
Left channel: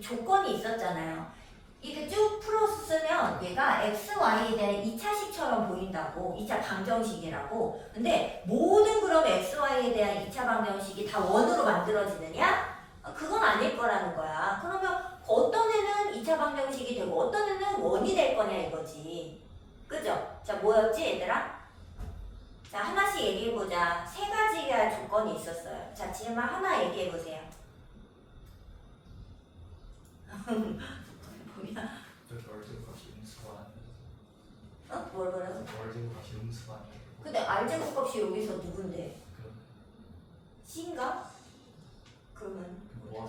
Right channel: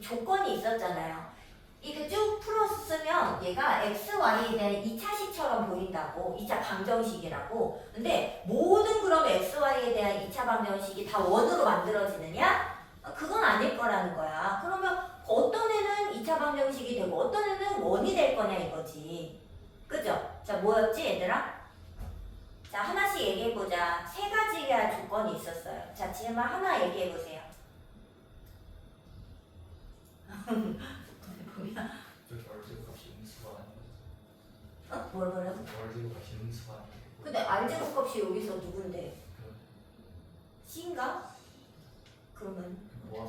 조건이 있었잖아요. 이게 쭉 풀어서 쓰면 얘가 XY에 대한 2차식처럼 보인다고. 2차 방정식이라고. 근데 모든 그럼 XY에 대한 2차 방정식이 다 원으로 만들어지느냐? 그건 아닐 거라는 거야. 그러면 어떤 애는 2차 방정식이 되고 어떤 애는 원이 될 거냐 이거지. 그죠? 자, 뭐였지 얘들아? 자, 하나씩 얘기해보자. 세 가지가 조건이 있었어요. 자, 질문 하나 얘기해보세요. 뭐야? 저기 월제곱값이 음수가 아니에요. 뭘 보라고? 월제곱값이 음수가 아니에요. 근데 R제곱 값이 여기서 누군데? C인가? 그러면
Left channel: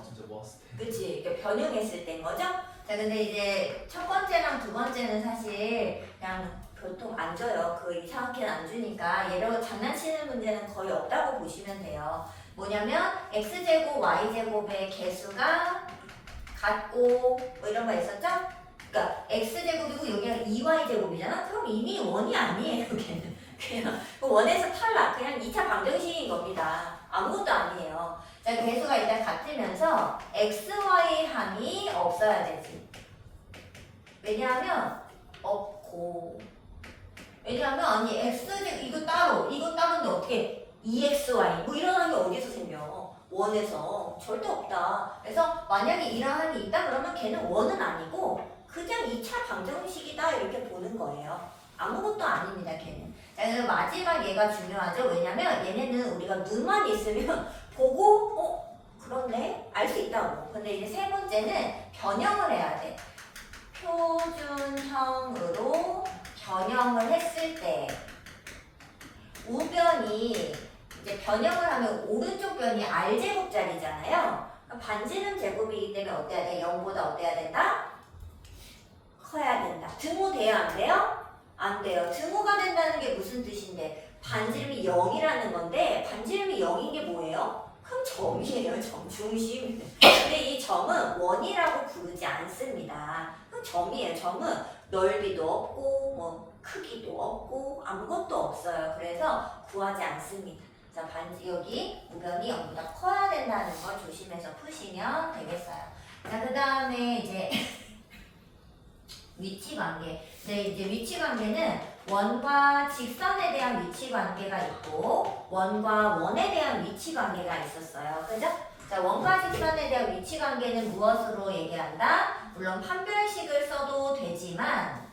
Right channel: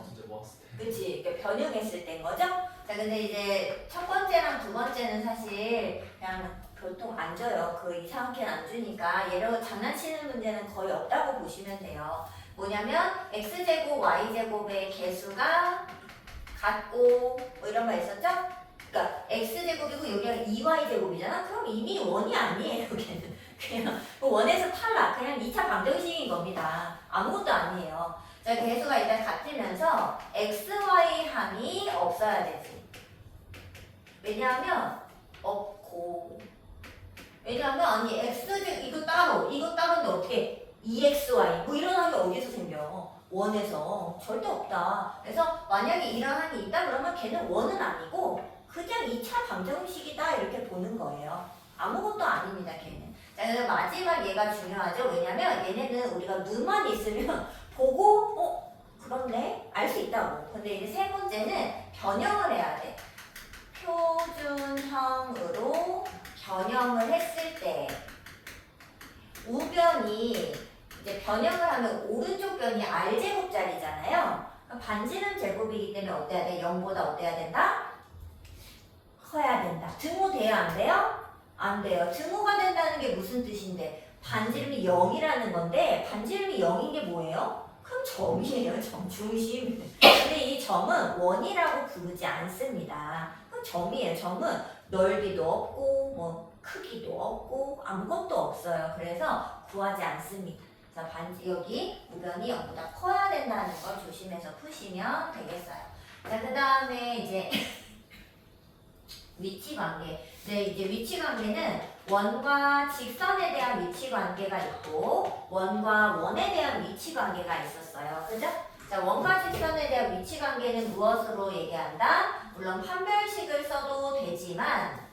진짜 모았을 때. 그치? 그러니까 변형했을 때인 거죠? 자, 근데 이제 첫 번째랑 두 번째는 사실 그냥 보통 안 줘요. 그 이상하게는 안 주니까 얘로 장난치는 문제는 거의 없다고 보시면 돼요. 뭐냐면 x제곱 y제곱의 개수가 같고 뭐 이런 거 있었죠? 그러니까 x제곱이고 여기가 2y제곱이잖아? 그럼 이미 원이 아니에요. 걔는 그냥 그 원에서 탈락. 그냥 2차 방정식인 겁니다. 아무것도 아니에요. 자, 개수가 일단 같으면서 xy 항이 없어야 되지. 왜냐하면 없고 왜냐하면 아니 x제곱 이거 따로인데 어떻게 2xy 뭐 이런 항이 어디서 생겨? 원에서 절대 없다. 그래서 만약에 이런 항이 있다 그러면 걔는 원은 아니고 그냥 2차 방정식이다 이렇게 보는 거예요. 아무것도 아닙니다 걔는. 자, 그래서 마지막 얘가 중요하죠. 왜냐면 얘네는 우리가 눈만 있으면 보고 그렇네 알 수 있다고. 근데 이제 세 번째는 변형을 해야 돼. 표준형으로 변형을 했을 때 우변이 이제 변형을 하면 오른쪽 변이 R제곱짜리잖아요. 반지름 제곱이기 때문에 어때야 돼? 0보다 어때야 된다? 커야 된다. 등호돼요? 안 돼요? 안 돼요. 등호가 된다는 게 무슨 뜻인데? 반지름이 0이라는 건데 반지름이 0인 게 뭐예요? 그럼 점이에요. 점, 중심. 근데 이 점은 원이라고 부르지 않습니다. 그럼 점이에요. 점은 넓이도 없고 뭐 크기도 없고 아무것도 없어요. 그래서 구하지 않습니다. 자, 반지 여기 우변이 0보다 커야 된다는 걸 조심해서 푸시면 되겠어요. 자, 그 다음에 이제 위치 관계. 네, 이제 위치 관계는 원과 직선에 대한 위치 관계가 있고 원과 원에 대한 위치 관계가 있었어요. 그죠? 자, 원과 직선에 대한 위치 관계는 무엇으로 얘기한다? 물론 판별식을 써도 되지만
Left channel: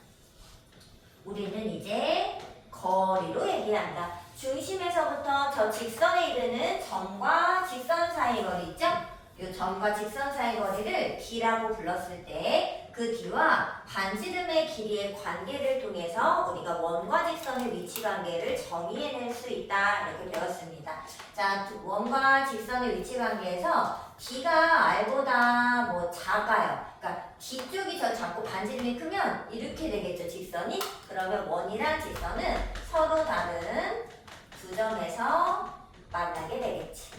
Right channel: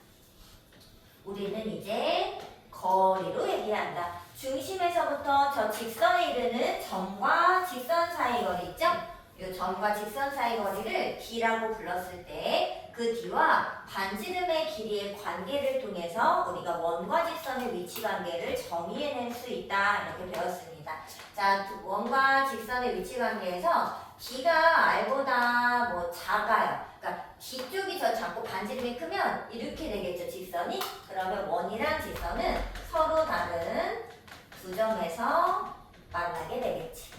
우리는 이제 거리로 얘기한다. 중심에서부터 저 직선에 이르는 점과 직선 사이 거리 있죠? 이 점과 직선 사이 거리를 D라고 불렀을 때 그 D와 반지름의 길이의 관계를 통해서 우리가 원과 직선의 위치 관계를 정의해낼 수 있다 이렇게 배웠습니다. 자, 원과 직선의 위치 관계에서 D가 R보다 뭐 작아요. 그러니까 뒤쪽이 더 작고 반지름이 크면 이렇게 되겠죠, 직선이? 그러면 원이랑 직선은 서로 다른 두 점에서 만나게 되겠지.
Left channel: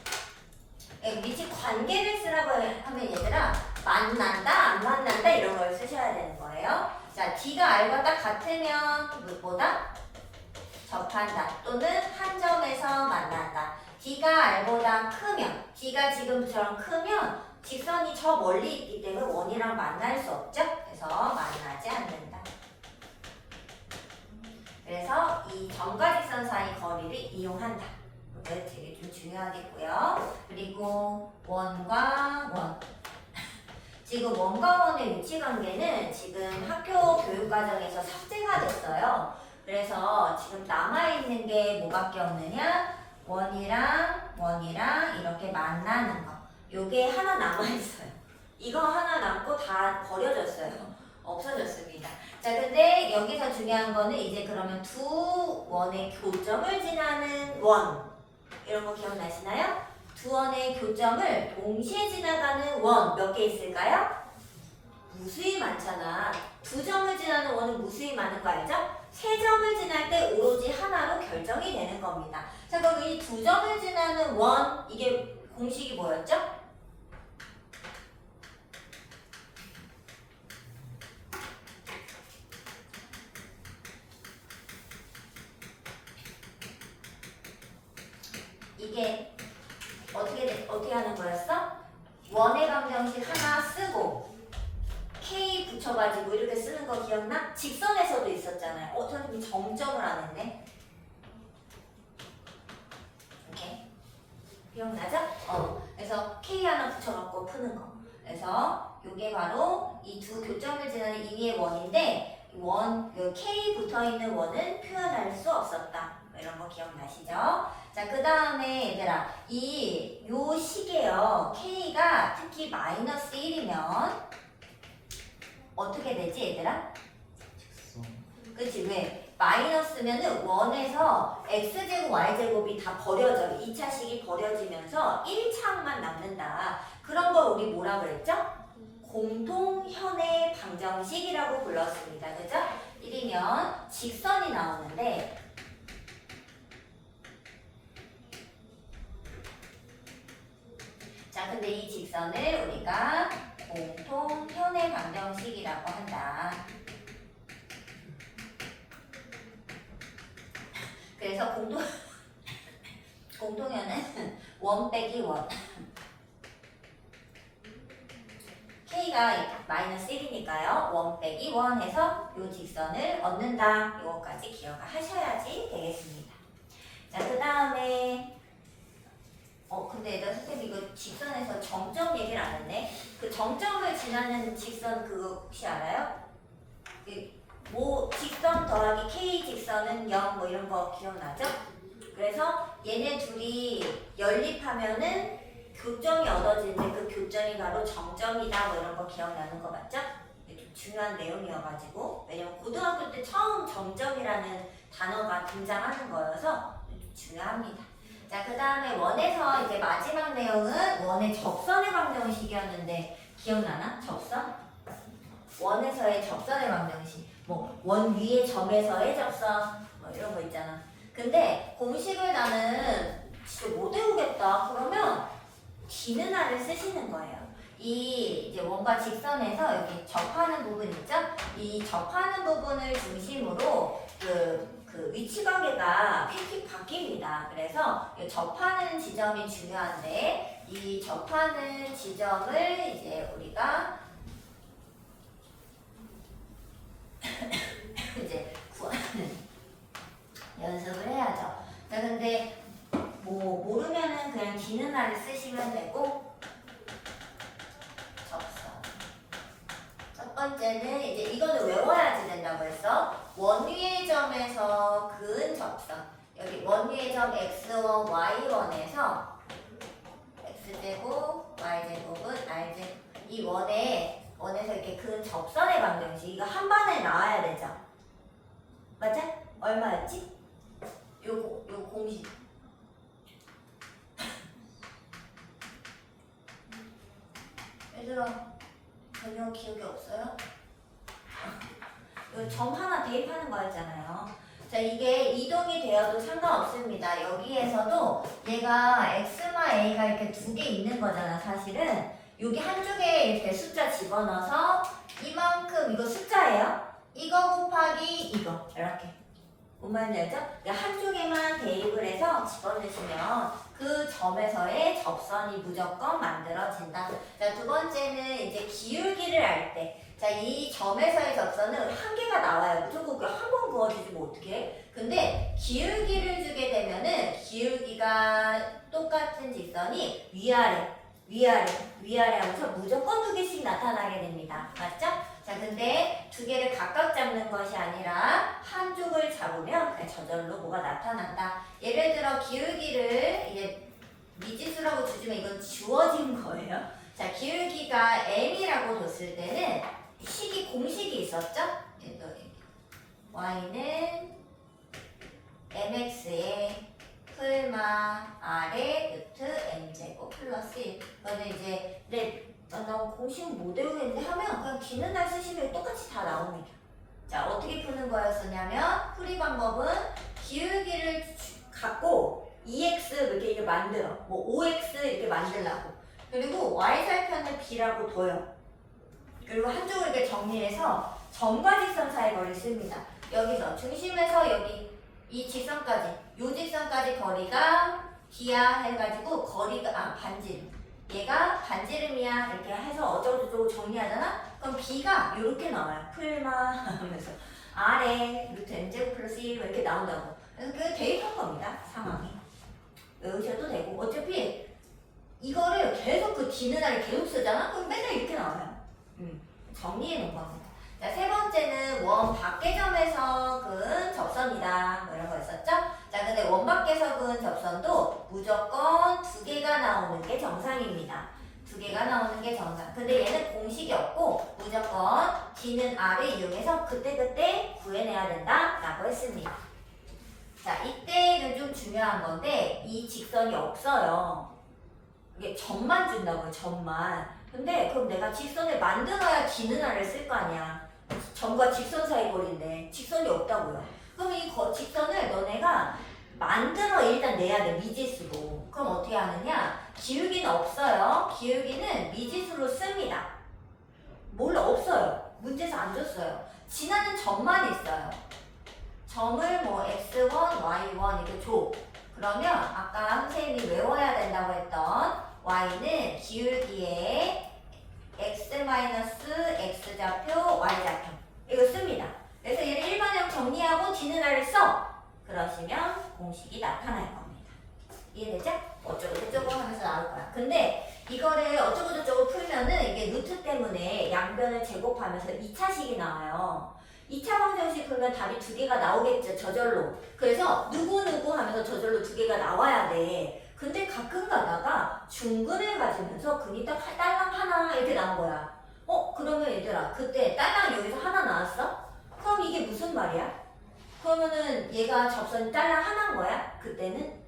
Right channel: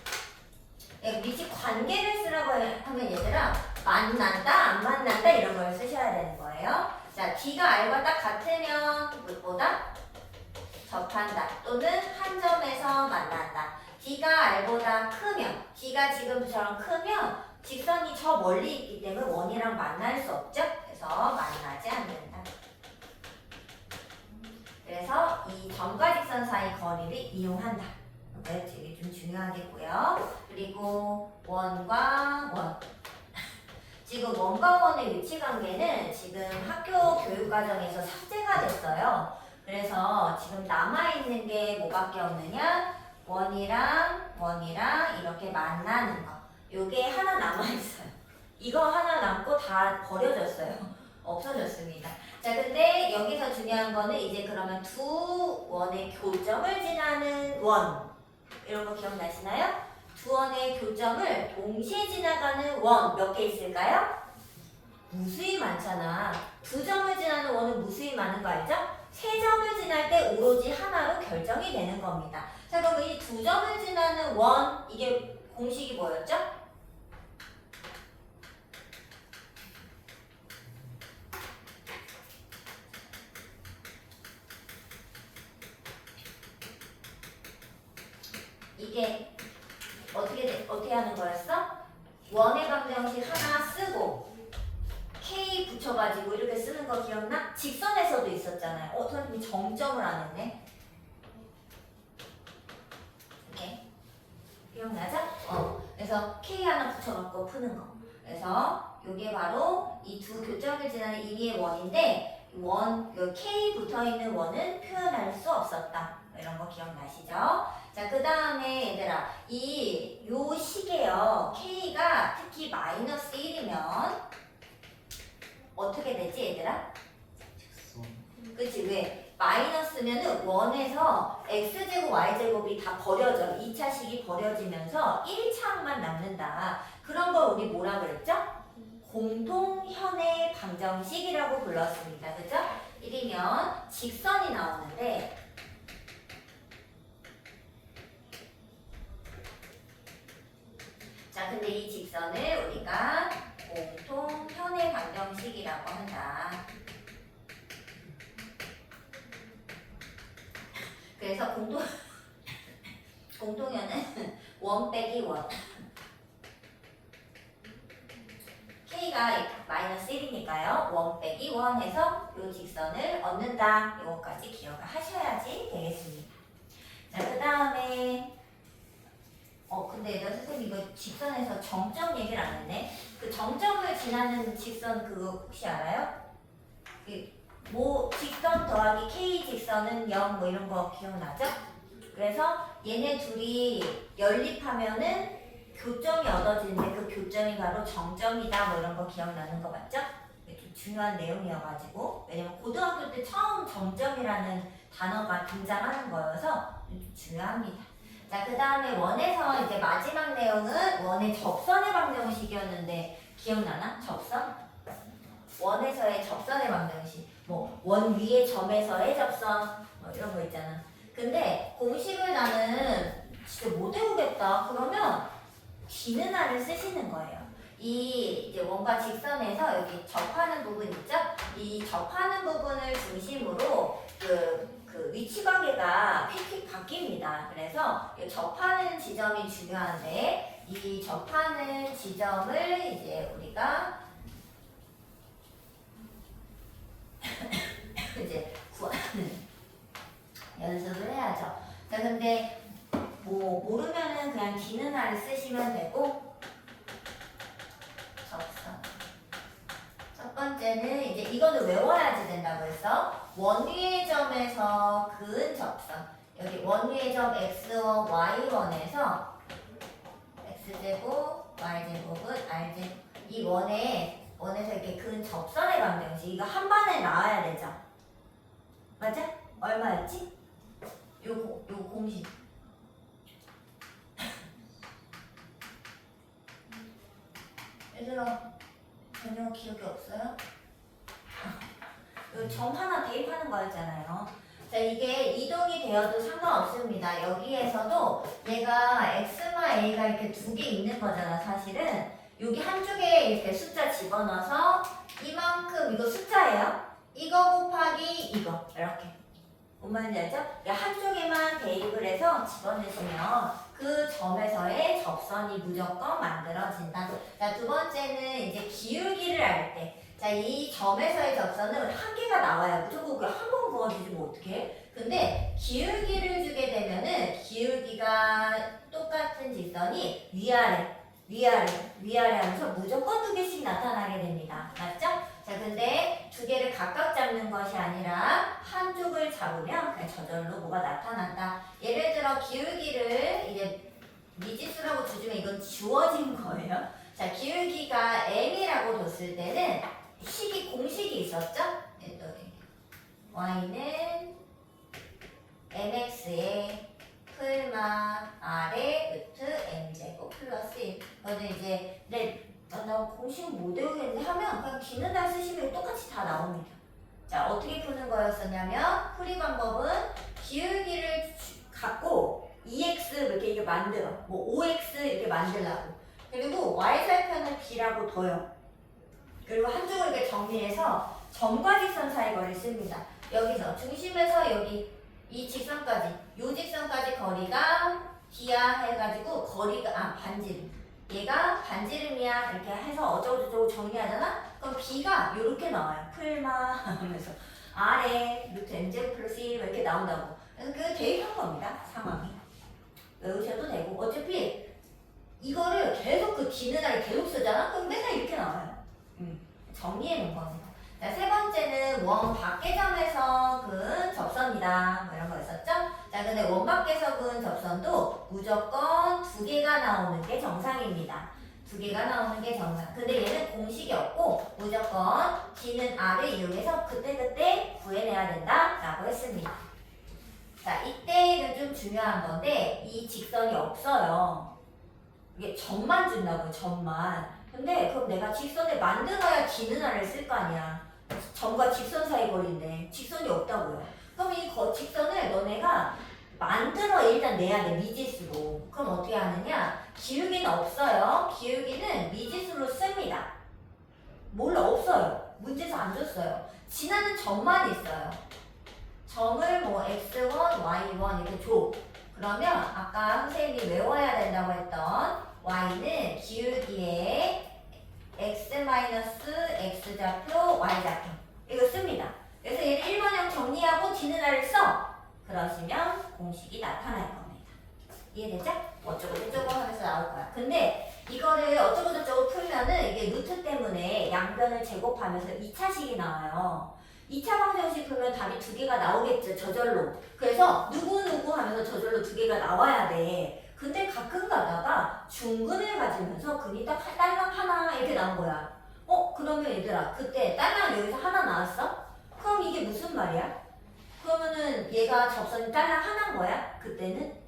위치 관계를 쓰라고 하면 얘들아 만난다, 안 만난다 이런 걸 쓰셔야 되는 거예요. 자, D가 R과 딱 같으면 뭐다? 접한다 또는 한 점에서 만난다. D가 R보다 크면 D가 지금처럼 크면 직선이 저 멀리 있기 때문에 원이랑 만날 수 없죠? 그래서 만나지 않는다. 그래서 이 점과 직선 사이 거리를 이용한다. 이게 되게 좀 중요하겠고요. 그리고 원과 원. 지금 원과 원의 위치 관계는 지금 학교 교육 과정에서 삭제가 됐어요. 그래서 지금 남아있는 게 뭐밖에 없느냐? 원이랑 이렇게 만나는 거. 요게 하나 남아있어요. 이거 하나 남고 다 버려졌어요. 없어졌습니다. 자, 근데 여기서 중요한 거는 이제 그러면 두 원의 교점을 지나는 원. 이런 거 기억나시나요? 두 원의 교점을 동시에 지나가는 원 몇 개 있을까요? 무수히 많잖아. 2점을 지나는 원은 무수히 많은 거 알죠? 3점을 지날 때 오로지 하나로 결정이 되는 겁니다. 자, 그럼 이 2점을 지나는 원, 이게 공식이 뭐였죠? 이게 어떻게 하는 거였어? 원의 방정식 하나 쓰고 K 붙여가지고 이렇게 쓰는 거 기억나? 직선에서도 있었잖아요. 선생님이 정점을 안 했네. 이렇게 기억나죠? 그래서 K 하나 붙여갖고 푸는 거. 그래서 이게 바로 이 두 교점을 지나는 임의의 원인데 그 K 붙어있는 원은 표현할 수 없었다. 이런 거 기억나시죠? 자, 그 다음에 얘들아, 요 식에요. K가 특히 마이너스 1이면 어떻게 되지, 얘들아? 직선. 그치, 왜? 마이너스면은 원에서 x제곱, y제곱이 다 버려져. 2차식이 버려지면서 1차항만 남는다. 그런 걸 우리 뭐라 그랬죠? 공통현의 방정식이라고 불렀습니다. 그죠? 1이면 직선이 나오는데 자, 근데 이 직선을 우리가 공통현의 방정식이라고 한다. 그래서 공통현은 원 빼기 원. K가 마이너스 1이니까요. 원 빼기 원 해서 요 직선을 얻는다. 요거까지 기억을 하셔야지 되겠습니다. 자, 그 다음에 근데 얘들아, 선생님 이거 직선에서 정점 얘기를 안 했네. 그 정점을 지나는 직선 그거 혹시 알아요? 직선 더하기 K 직선은 0 뭐 이런 거 기억나죠? 그래서 얘네 둘이 연립하면은 교점이 얻어지는데 그 교점이 바로 정점이다 뭐 이런 거 기억나는 거 맞죠? 좀 중요한 내용이어가지고 왜냐면 고등학교 때 처음 정점이라는 단어가 등장하는 거여서 좀 중요합니다. 자, 그 다음에 원에서 이제 마지막 내용은 원의 접선의 방정식이었는데 기억나나? 접선? 원에서의 접선의 방정식 뭐 원 위의 점에서의 접선 뭐 이런 거 있잖아. 근데 공식을 나는 진짜 못 외우겠다 그러면 디느나를 쓰시는 거예요. 이제 원과 직선에서 여기 접하는 부분 있죠? 이 접하는 부분을 중심으로 그 위치 관계가 휙휙 바뀝니다. 그래서 이 접하는 지점이 중요한데 이 접하는 지점을 이제 우리가 이제 구하는 연습을 해야죠. 자, 근데 뭐 모르면은 그냥 디느나를 쓰시면 되고 접선. 첫 번째는 이제 이거는 외워야지 된다고 했어. 원위의 점에서 그은 접선. 여기 원위의 점 x와 y1에서 x제곱, y제곱은 r제곱. 이 원에서 이렇게 그은 접선의 방정식. 이거 한 번에 나와야 되죠. 맞아? 얼마였지? 요거 공식. 얘들아 전혀 기억이 없어요? 점 하나 대입하는 거였잖아요. 자, 이게 이동이 되어도 상관없습니다. 여기에서도 얘가 x마 a가 이렇게 두 개 있는 거잖아. 사실은 여기 한쪽에 이렇게 숫자 집어넣어서 이만큼 이거 숫자예요. 이거 곱하기 이거 이렇게. 뭔 말인지 알죠? 한쪽에만 대입을 해서 집어넣으시면 그 점에서의 접선이 무조건 만들어진다. 자, 두 번째는 이제 기울기를 알 때. 자, 이 점에서의 접선은 한 개가 나와요. 무조건 한 번 그어주시면 어떡해? 근데 기울기를 주게 되면은 기울기가 똑같은 직선이 위아래 하면서 무조건 두 개씩 나타나게 됩니다. 맞죠? 자, 근데 두 개를 각각 잡는 것이 아니라 한쪽을 잡으면 그냥 저절로 뭐가 나타난다. 예를 들어 기울기를 이제 미지수라고 주지만 이건 주어진 거예요. 자, 기울기가 m이라고 뒀을 때는 공식이 있었죠? y는 mx에 풀마 r의 루트 m제곱 플러스 1. 이거는 이제 나 공식 못 외우겠는데 하면 그냥 기는 날 쓰시면 똑같이 다 나옵니다. 자, 어떻게 푸는 거였었냐면 풀이 방법은 기울기를 갖고 2x 이렇게 만들어. 뭐 5x 이렇게 만들라고. 그리고 y절편을 b라고 둬요. 그리고 한쪽을 이렇게 정리해서 점과 직선 사이 거리를 씁니다. 여기서 중심에서 여기 이 직선까지, 요 직선까지 거리가 b야 해가지고 거리가 반지름. 얘가 반지름이야 이렇게 해서 어쩌고저쩌고 정리하잖아? 그럼 b가 이렇게 나와요. 풀마 하면서 아래 루트 m제곱 플러스 1 이렇게 나온다고. 그래서 그게 대입한 겁니다. 상황이. 외우셔도 되고 어차피 이거를 계속 그 뒤는 날을 계속 쓰잖아? 그럼 맨날 이렇게 나와요. 정리해 놓은 겁니다. 자, 세 번째는 원 밖의 점에서 그은 접선이다. 뭐 이런 거였었죠? 자, 근데 원 밖에서 그은 접선도 무조건 두 개가 나오는 게 정상입니다. 두 개가 나오는 게 정상. 근데 얘는 공식이 없고 무조건 D는 R을 이용해서 그때그때 구해내야 된다. 라고 했습니다. 자, 이때는 좀 중요한 건데 이 직선이 없어요. 이게 점만 준다고요. 점만. 근데 그럼 내가 직선을 만들어야 D는 R을 쓸 거 아니야. 점과 직선 사이 거리인데 직선이 없다고요. 그럼 이 직선을 너네가 만들어 일단 내야 돼. 미지수로. 그럼 어떻게 하느냐? 기울기는 없어요. 기울기는 미지수로 씁니다. 몰라 없어요. 문제에서 안 줬어요. 지나는 점만 있어요. 점을 뭐 x1, y1 이렇게 줘. 그러면 아까 선생님이 외워야 된다고 했던 y는 기울기에 x-x좌표, y좌표 이거 씁니다. 그래서 얘를 1번형 정리하고 D는 R을 써. 그러시면 공식이 나타날 겁니다. 이해되죠? 어쩌고저쩌고 하면서 나올 거야. 근데 이거를 어쩌고저쩌고 풀면은 이게 루트 때문에 양변을 제곱하면서 2차식이 나와요. 2차 방정식 풀면 답이 두 개가 나오겠죠. 저절로. 그래서 누구누구 하면서 저절로 두 개가 나와야 돼. 근데 가끔 가다가 중근을 가지면서 근이 딱 딸랑 하나 이렇게 나온 거야. 그러면 얘들아 그때 딸랑 여기서 하나 나왔어? 그럼 이게 무슨 말이야? 그러면은 얘가 접선이 딸랑 하나인 거야? 그때는?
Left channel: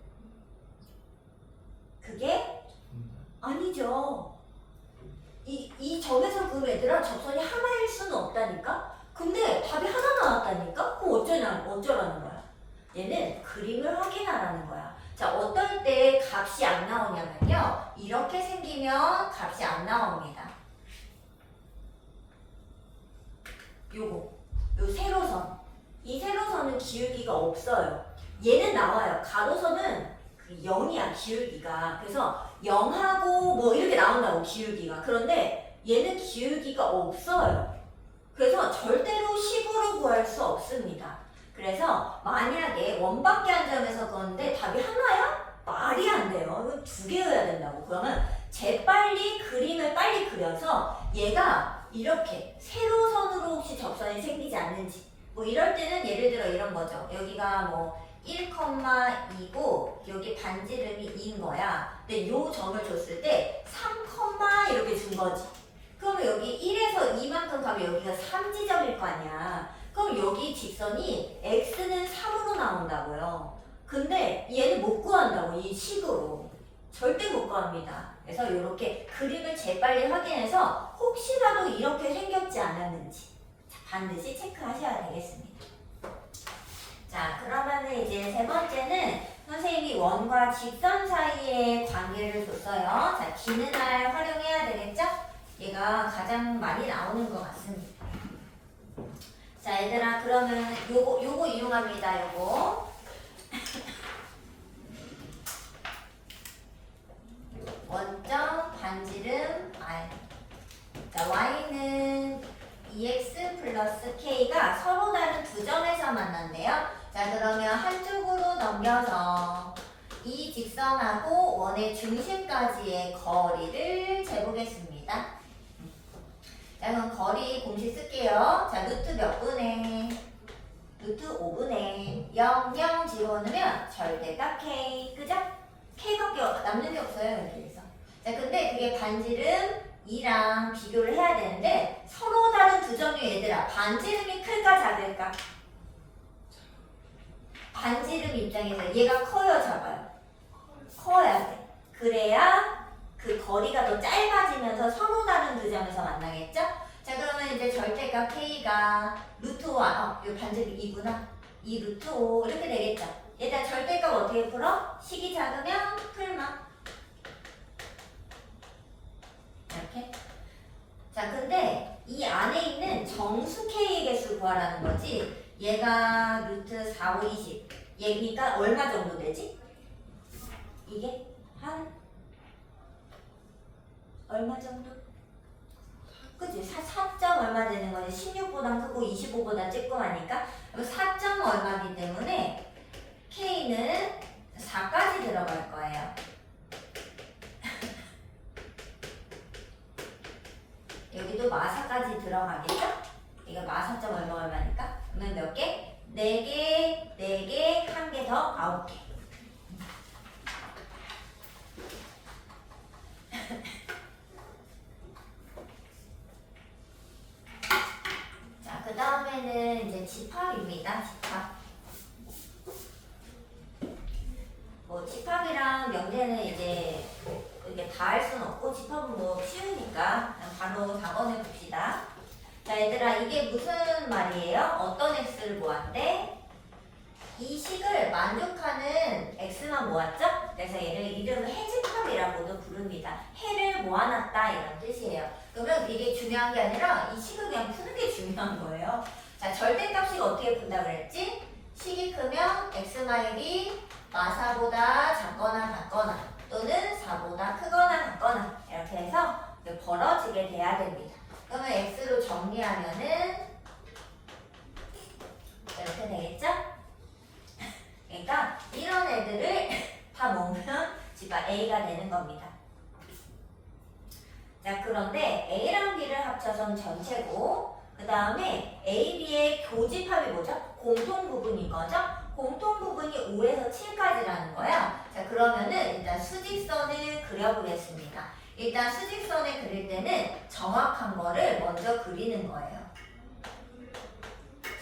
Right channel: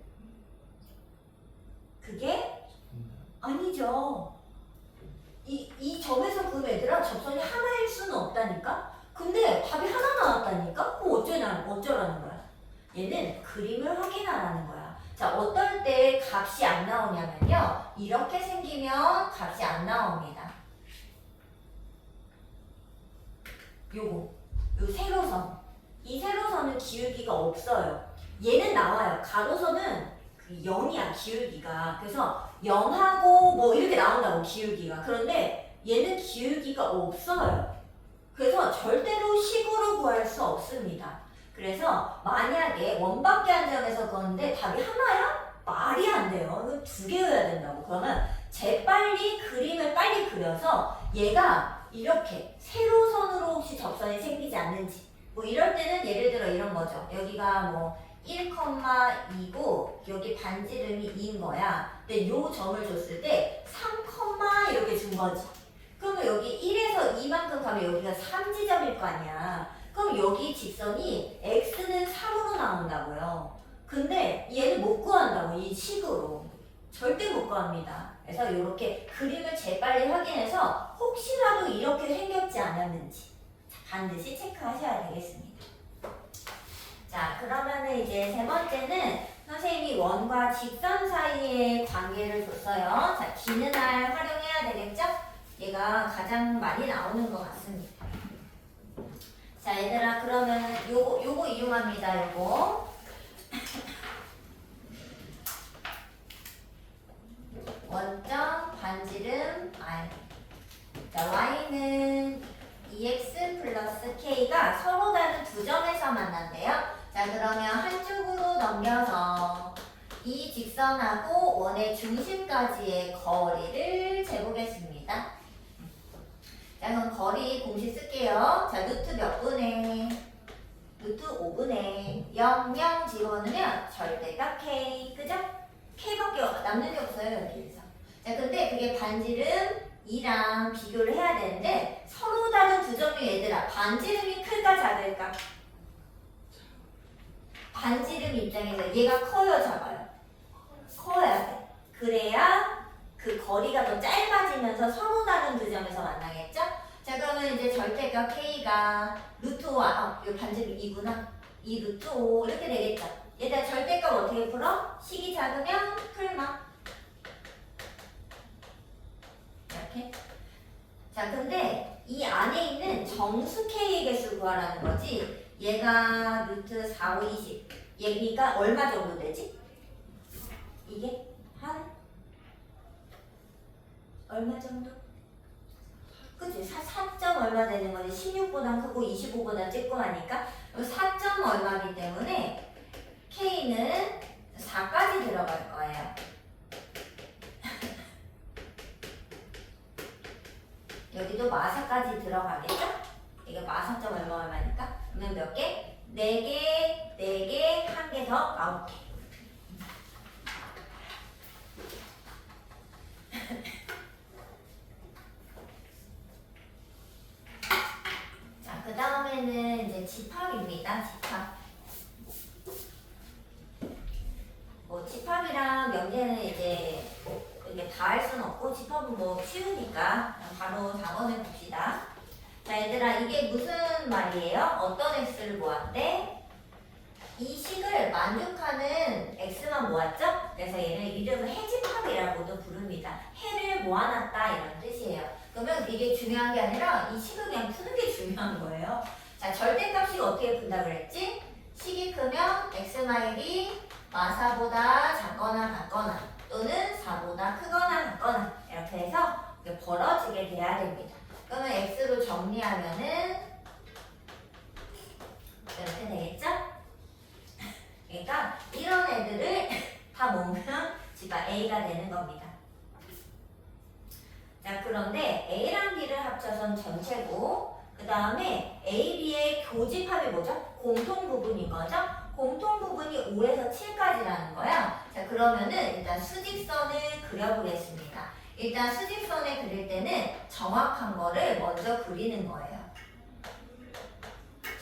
그게 아니죠. 이 점에서 그럼 얘들아 접선이 하나일 수는 없다니까? 근데 답이 하나 나왔다니까? 그럼 어쩌라는 거야? 얘는 그림을 확인하라는 거야. 자, 어떨 때 값이 안 나오냐면요. 이렇게 생기면 값이 안 나옵니다. 요 세로선. 이 세로선은 기울기가 없어요. 얘는 나와요. 가로선은 0이야, 기울기가. 그래서 0하고 뭐 이렇게 나온다고, 기울기가. 그런데 얘는 기울기가 없어요. 그래서 절대로 식으로 구할 수 없습니다. 그래서 만약에 원밖에 한 점에서 그건데 답이 하나야? 말이 안 돼요. 이거 두 개여야 된다고. 그러면 재빨리 그림을 빨리 그려서 얘가 이렇게 세로선으로 혹시 접선이 생기지 않는지 뭐 이럴 때는 예를 들어 이런 거죠. 여기가 뭐 1,2고 여기 반지름이 2인 거야. 근데 요 점을 줬을 때 3, 이렇게 준 거지. 그러면 여기 1에서 2만큼 가면 여기가 3지점일 거 아니야. 그럼 여기 직선이 x는 3으로 나온다고요. 근데 얘는 못 구한다고, 이 식으로. 절대 못 구합니다. 그래서 이렇게 그림을 재빨리 확인해서 혹시라도 이렇게 생겼지 않았는지 반드시 체크하셔야 되겠습니다. 자, 그러면은 이제 세 번째는 선생님이 원과 직선 사이의 관계를 줬어요. 자, D는 R 활용해야 되겠죠? 얘가 가장 많이 나오는 것 같습니다. 자, 얘들아, 그러면 요거 이용합니다. 요거. 원점 반지름 R. 자, Y는 2x 플러스 K가 서로 다른 두 점에서 만난대요. 자, 그러면 한쪽으로 넘겨서 이 직선하고 원의 중심까지의 거리를 재보겠습니다. 자, 그럼 거리 공식 쓸게요. 자, 루트 몇 분의? 루트 5분의 0, 0 집어넣으면 절대값 K, 그죠? K밖에 남는 게 없어요, 여기에서. 자, 근데 그게 반지름 2랑 비교를 해야 되는데 서로 다른 두 점이 얘들아, 반지름이 클까 작을까? 반지름 입장에서 얘가 커요, 작아요? 커야 돼. 그래야 그 거리가 더 짧아지면서 서로 다른 두 점에서 만나겠죠? 자, 그러면 이제 절대값 K가 루트 5, 요 반대로 2구나. 2 루트 5 이렇게 되겠죠? 얘들아 절대값 어떻게 풀어? 식이 작으면 풀마. 이렇게. 자, 근데 이 안에 있는 정수 K의 개수 구하라는 거지. 얘가 루트 4, 5, 20. 얘니까 얼마 정도 되지? 이게 한 얼마 정도? 그치? 4점 얼마 되는 거지? 16보다 크고 25보다 쬐끔하니까 4점 얼마기 때문에 K는 4까지 들어갈 거예요. 여기도 마사까지 들어가겠죠? 이거 마사점 얼마니까? 그러면 몇 개? 4개, 4개, 1개 더 9개. 자, 그 다음에는 이제 집합입니다. 집합. 뭐 집합이랑 명제는 이제 이게 다 할 수는 없고 집합은 뭐 쉬우니까 그냥 바로 4번을 봅시다. 자, 얘들아 이게 무슨 말이에요? 어떤 x를 모았대? 이 식을 만족하는 x만 모았죠? 그래서 얘를 이름은 해집합이라고도 부릅니다. 해를 모아놨다 이런 뜻이에요. 그러면 이게 중요한 게 아니라 이 식을 그냥 푸는 게 중요한 거예요. 자, 절대값이 어떻게 푼다 그랬지? 식이 크면 x마일이 마사보다 작거나 같거나 또는 4보다 크거나 같거나 이렇게 해서 벌어지게 돼야 됩니다. 그러면 x로 정리하면은 이렇게 되겠죠? 그러니까 이런 애들을 다 모으면 집합 A가 되는 겁니다. 자, 그런데 A랑 B를 합쳐선 전체고 그 다음에 A, B의 교집합이 뭐죠? 공통 부분인 거죠? 공통 부분이 5에서 7까지라는 거야. 자, 그러면은 일단 수직선을 그려보겠습니다. 일단 수직선을 그릴 때는 정확한 거를 먼저 그리는 거예요.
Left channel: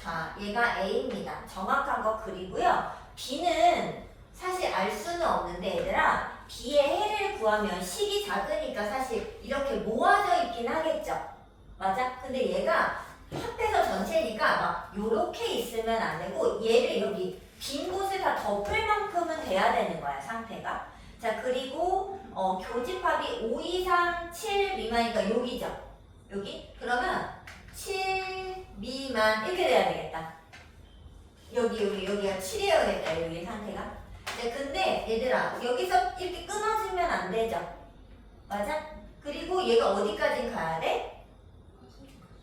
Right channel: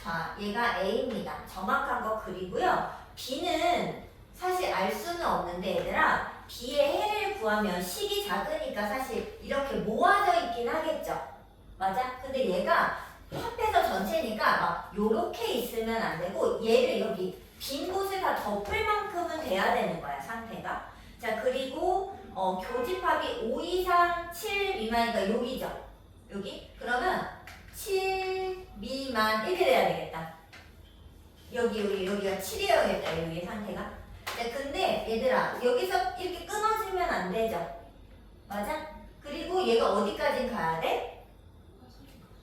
자, 얘가 A입니다. 정확한 거 그리고요. B는 사실 알 수는 없는데 얘들아 B의 해를 구하면 식이 작으니까 사실 이렇게 모아져 있긴 하겠죠. 맞아? 근데 얘가 합해서 전체니까 막 요렇게 있으면 안 되고 얘를 여기 빈 곳을 다 덮을 만큼은 돼야 되는 거야 상태가. 자, 그리고 교집합이 5 이상 7 미만이니까 여기죠. 여기? 그러면 7 미만 이렇게 돼야 되겠다. 여기가 7이어야겠다. 여기 상태가. 자, 근데 얘들아 여기서 이렇게 끊어지면 안 되죠. 맞아? 그리고 얘가 어디까지 가야 돼?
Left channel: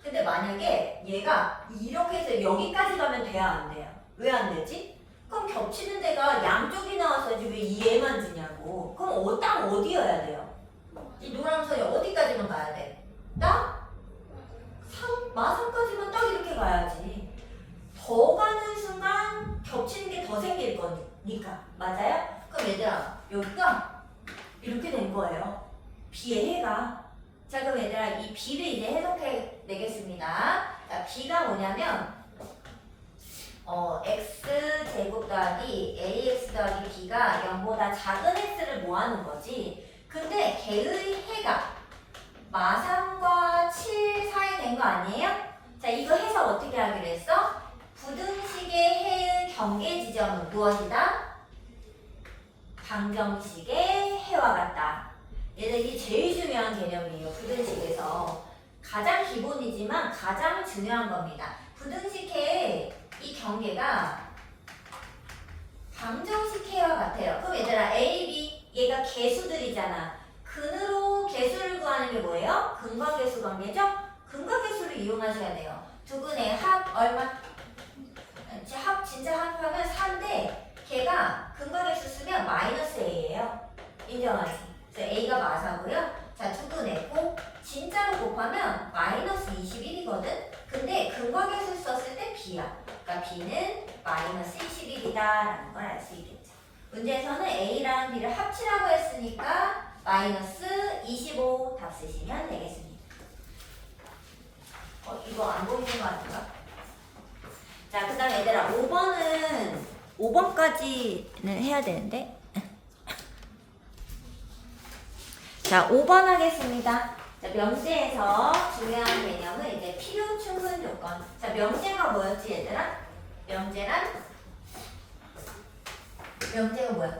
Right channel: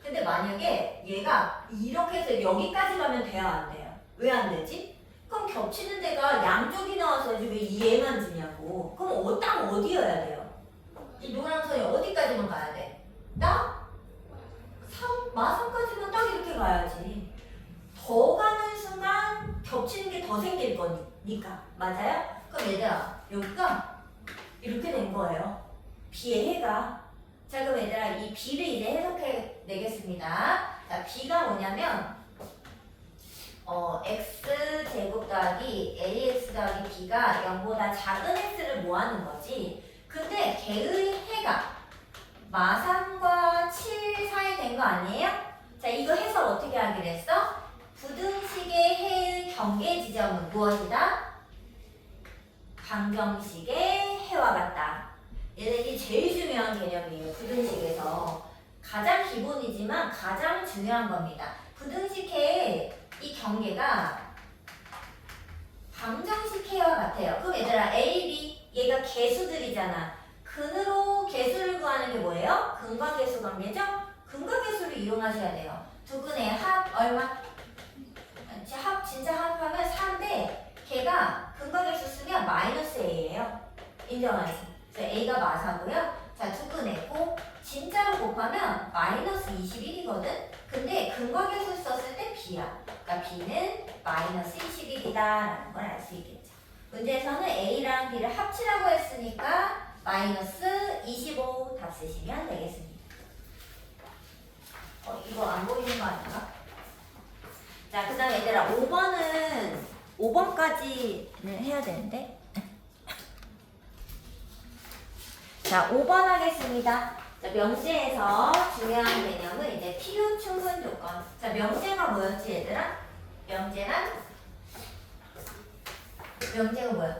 근데 만약에 얘가 이렇게 해서 여기까지 가면 돼야 안 돼요? 왜 안 되지? 그럼 겹치는 데가 양쪽이 나와서지 왜 얘만 지냐고. 그럼 딱 어디여야 돼요? 이 노란 선이 어디까지만 가야 돼? 딱? 마선까지만 딱 이렇게 가야지. 더 가는 순간 겹치는 게 더 생길 거니까. 맞아요? 그럼 얘들아 여기가 이렇게 된 거예요. B의 해가. 자, 그럼 얘들아 이 B를 이제 해석해 내겠습니다. 자, B가 뭐냐면 x제곱 더하기 ax 더하기 b가 0보다 작은 x를 모아놓은 거지. 근데 걔의 해가 마삼과 7 사이 된 거 아니에요? 자, 이거 해석 어떻게 하기로 했어? 부등식의 해의 경계 지점은 무엇이다? 방정식의 해와 같다. 얘들이 제일 중요한 개념이에요. 부등식에서 가장 기본이지만 가장 중요한 겁니다. 부등식의 이 경계가 방정식 해와 같아요. 그럼 얘들아 A, B 얘가 개수들이잖아. 근으로 개수를 구하는 게 뭐예요? 근과 개수 관계죠? 근과 개수를 이용하셔야 돼요. 두근의 합 얼마? 합 진짜 합하면 4인데 걔가 근과 개수 쓰면 마이너스 A예요. 인정하지? 그래서 A가 마사고요. 자, 두근했고 진짜로 곱하면 마이너스 21이거든? 근데 근과 개수 썼을 때 B야. 그러니까 B는 마이너스 21이다 라는 걸 알 수 있겠죠. 문제에서는 A랑 B를 합치라고 했으니까 마이너스 25 답 쓰시면 되겠습니다. 이거 안 보이는 거 아닌가? 자, 그 다음 얘들아 5번까지는 해야 되는데 자, 5번 하겠습니다. 자, 명제에서 중요한 개념은 이제 필요 충분 조건. 자, 명제가 뭐였지, 얘들아? 명제가 뭐야?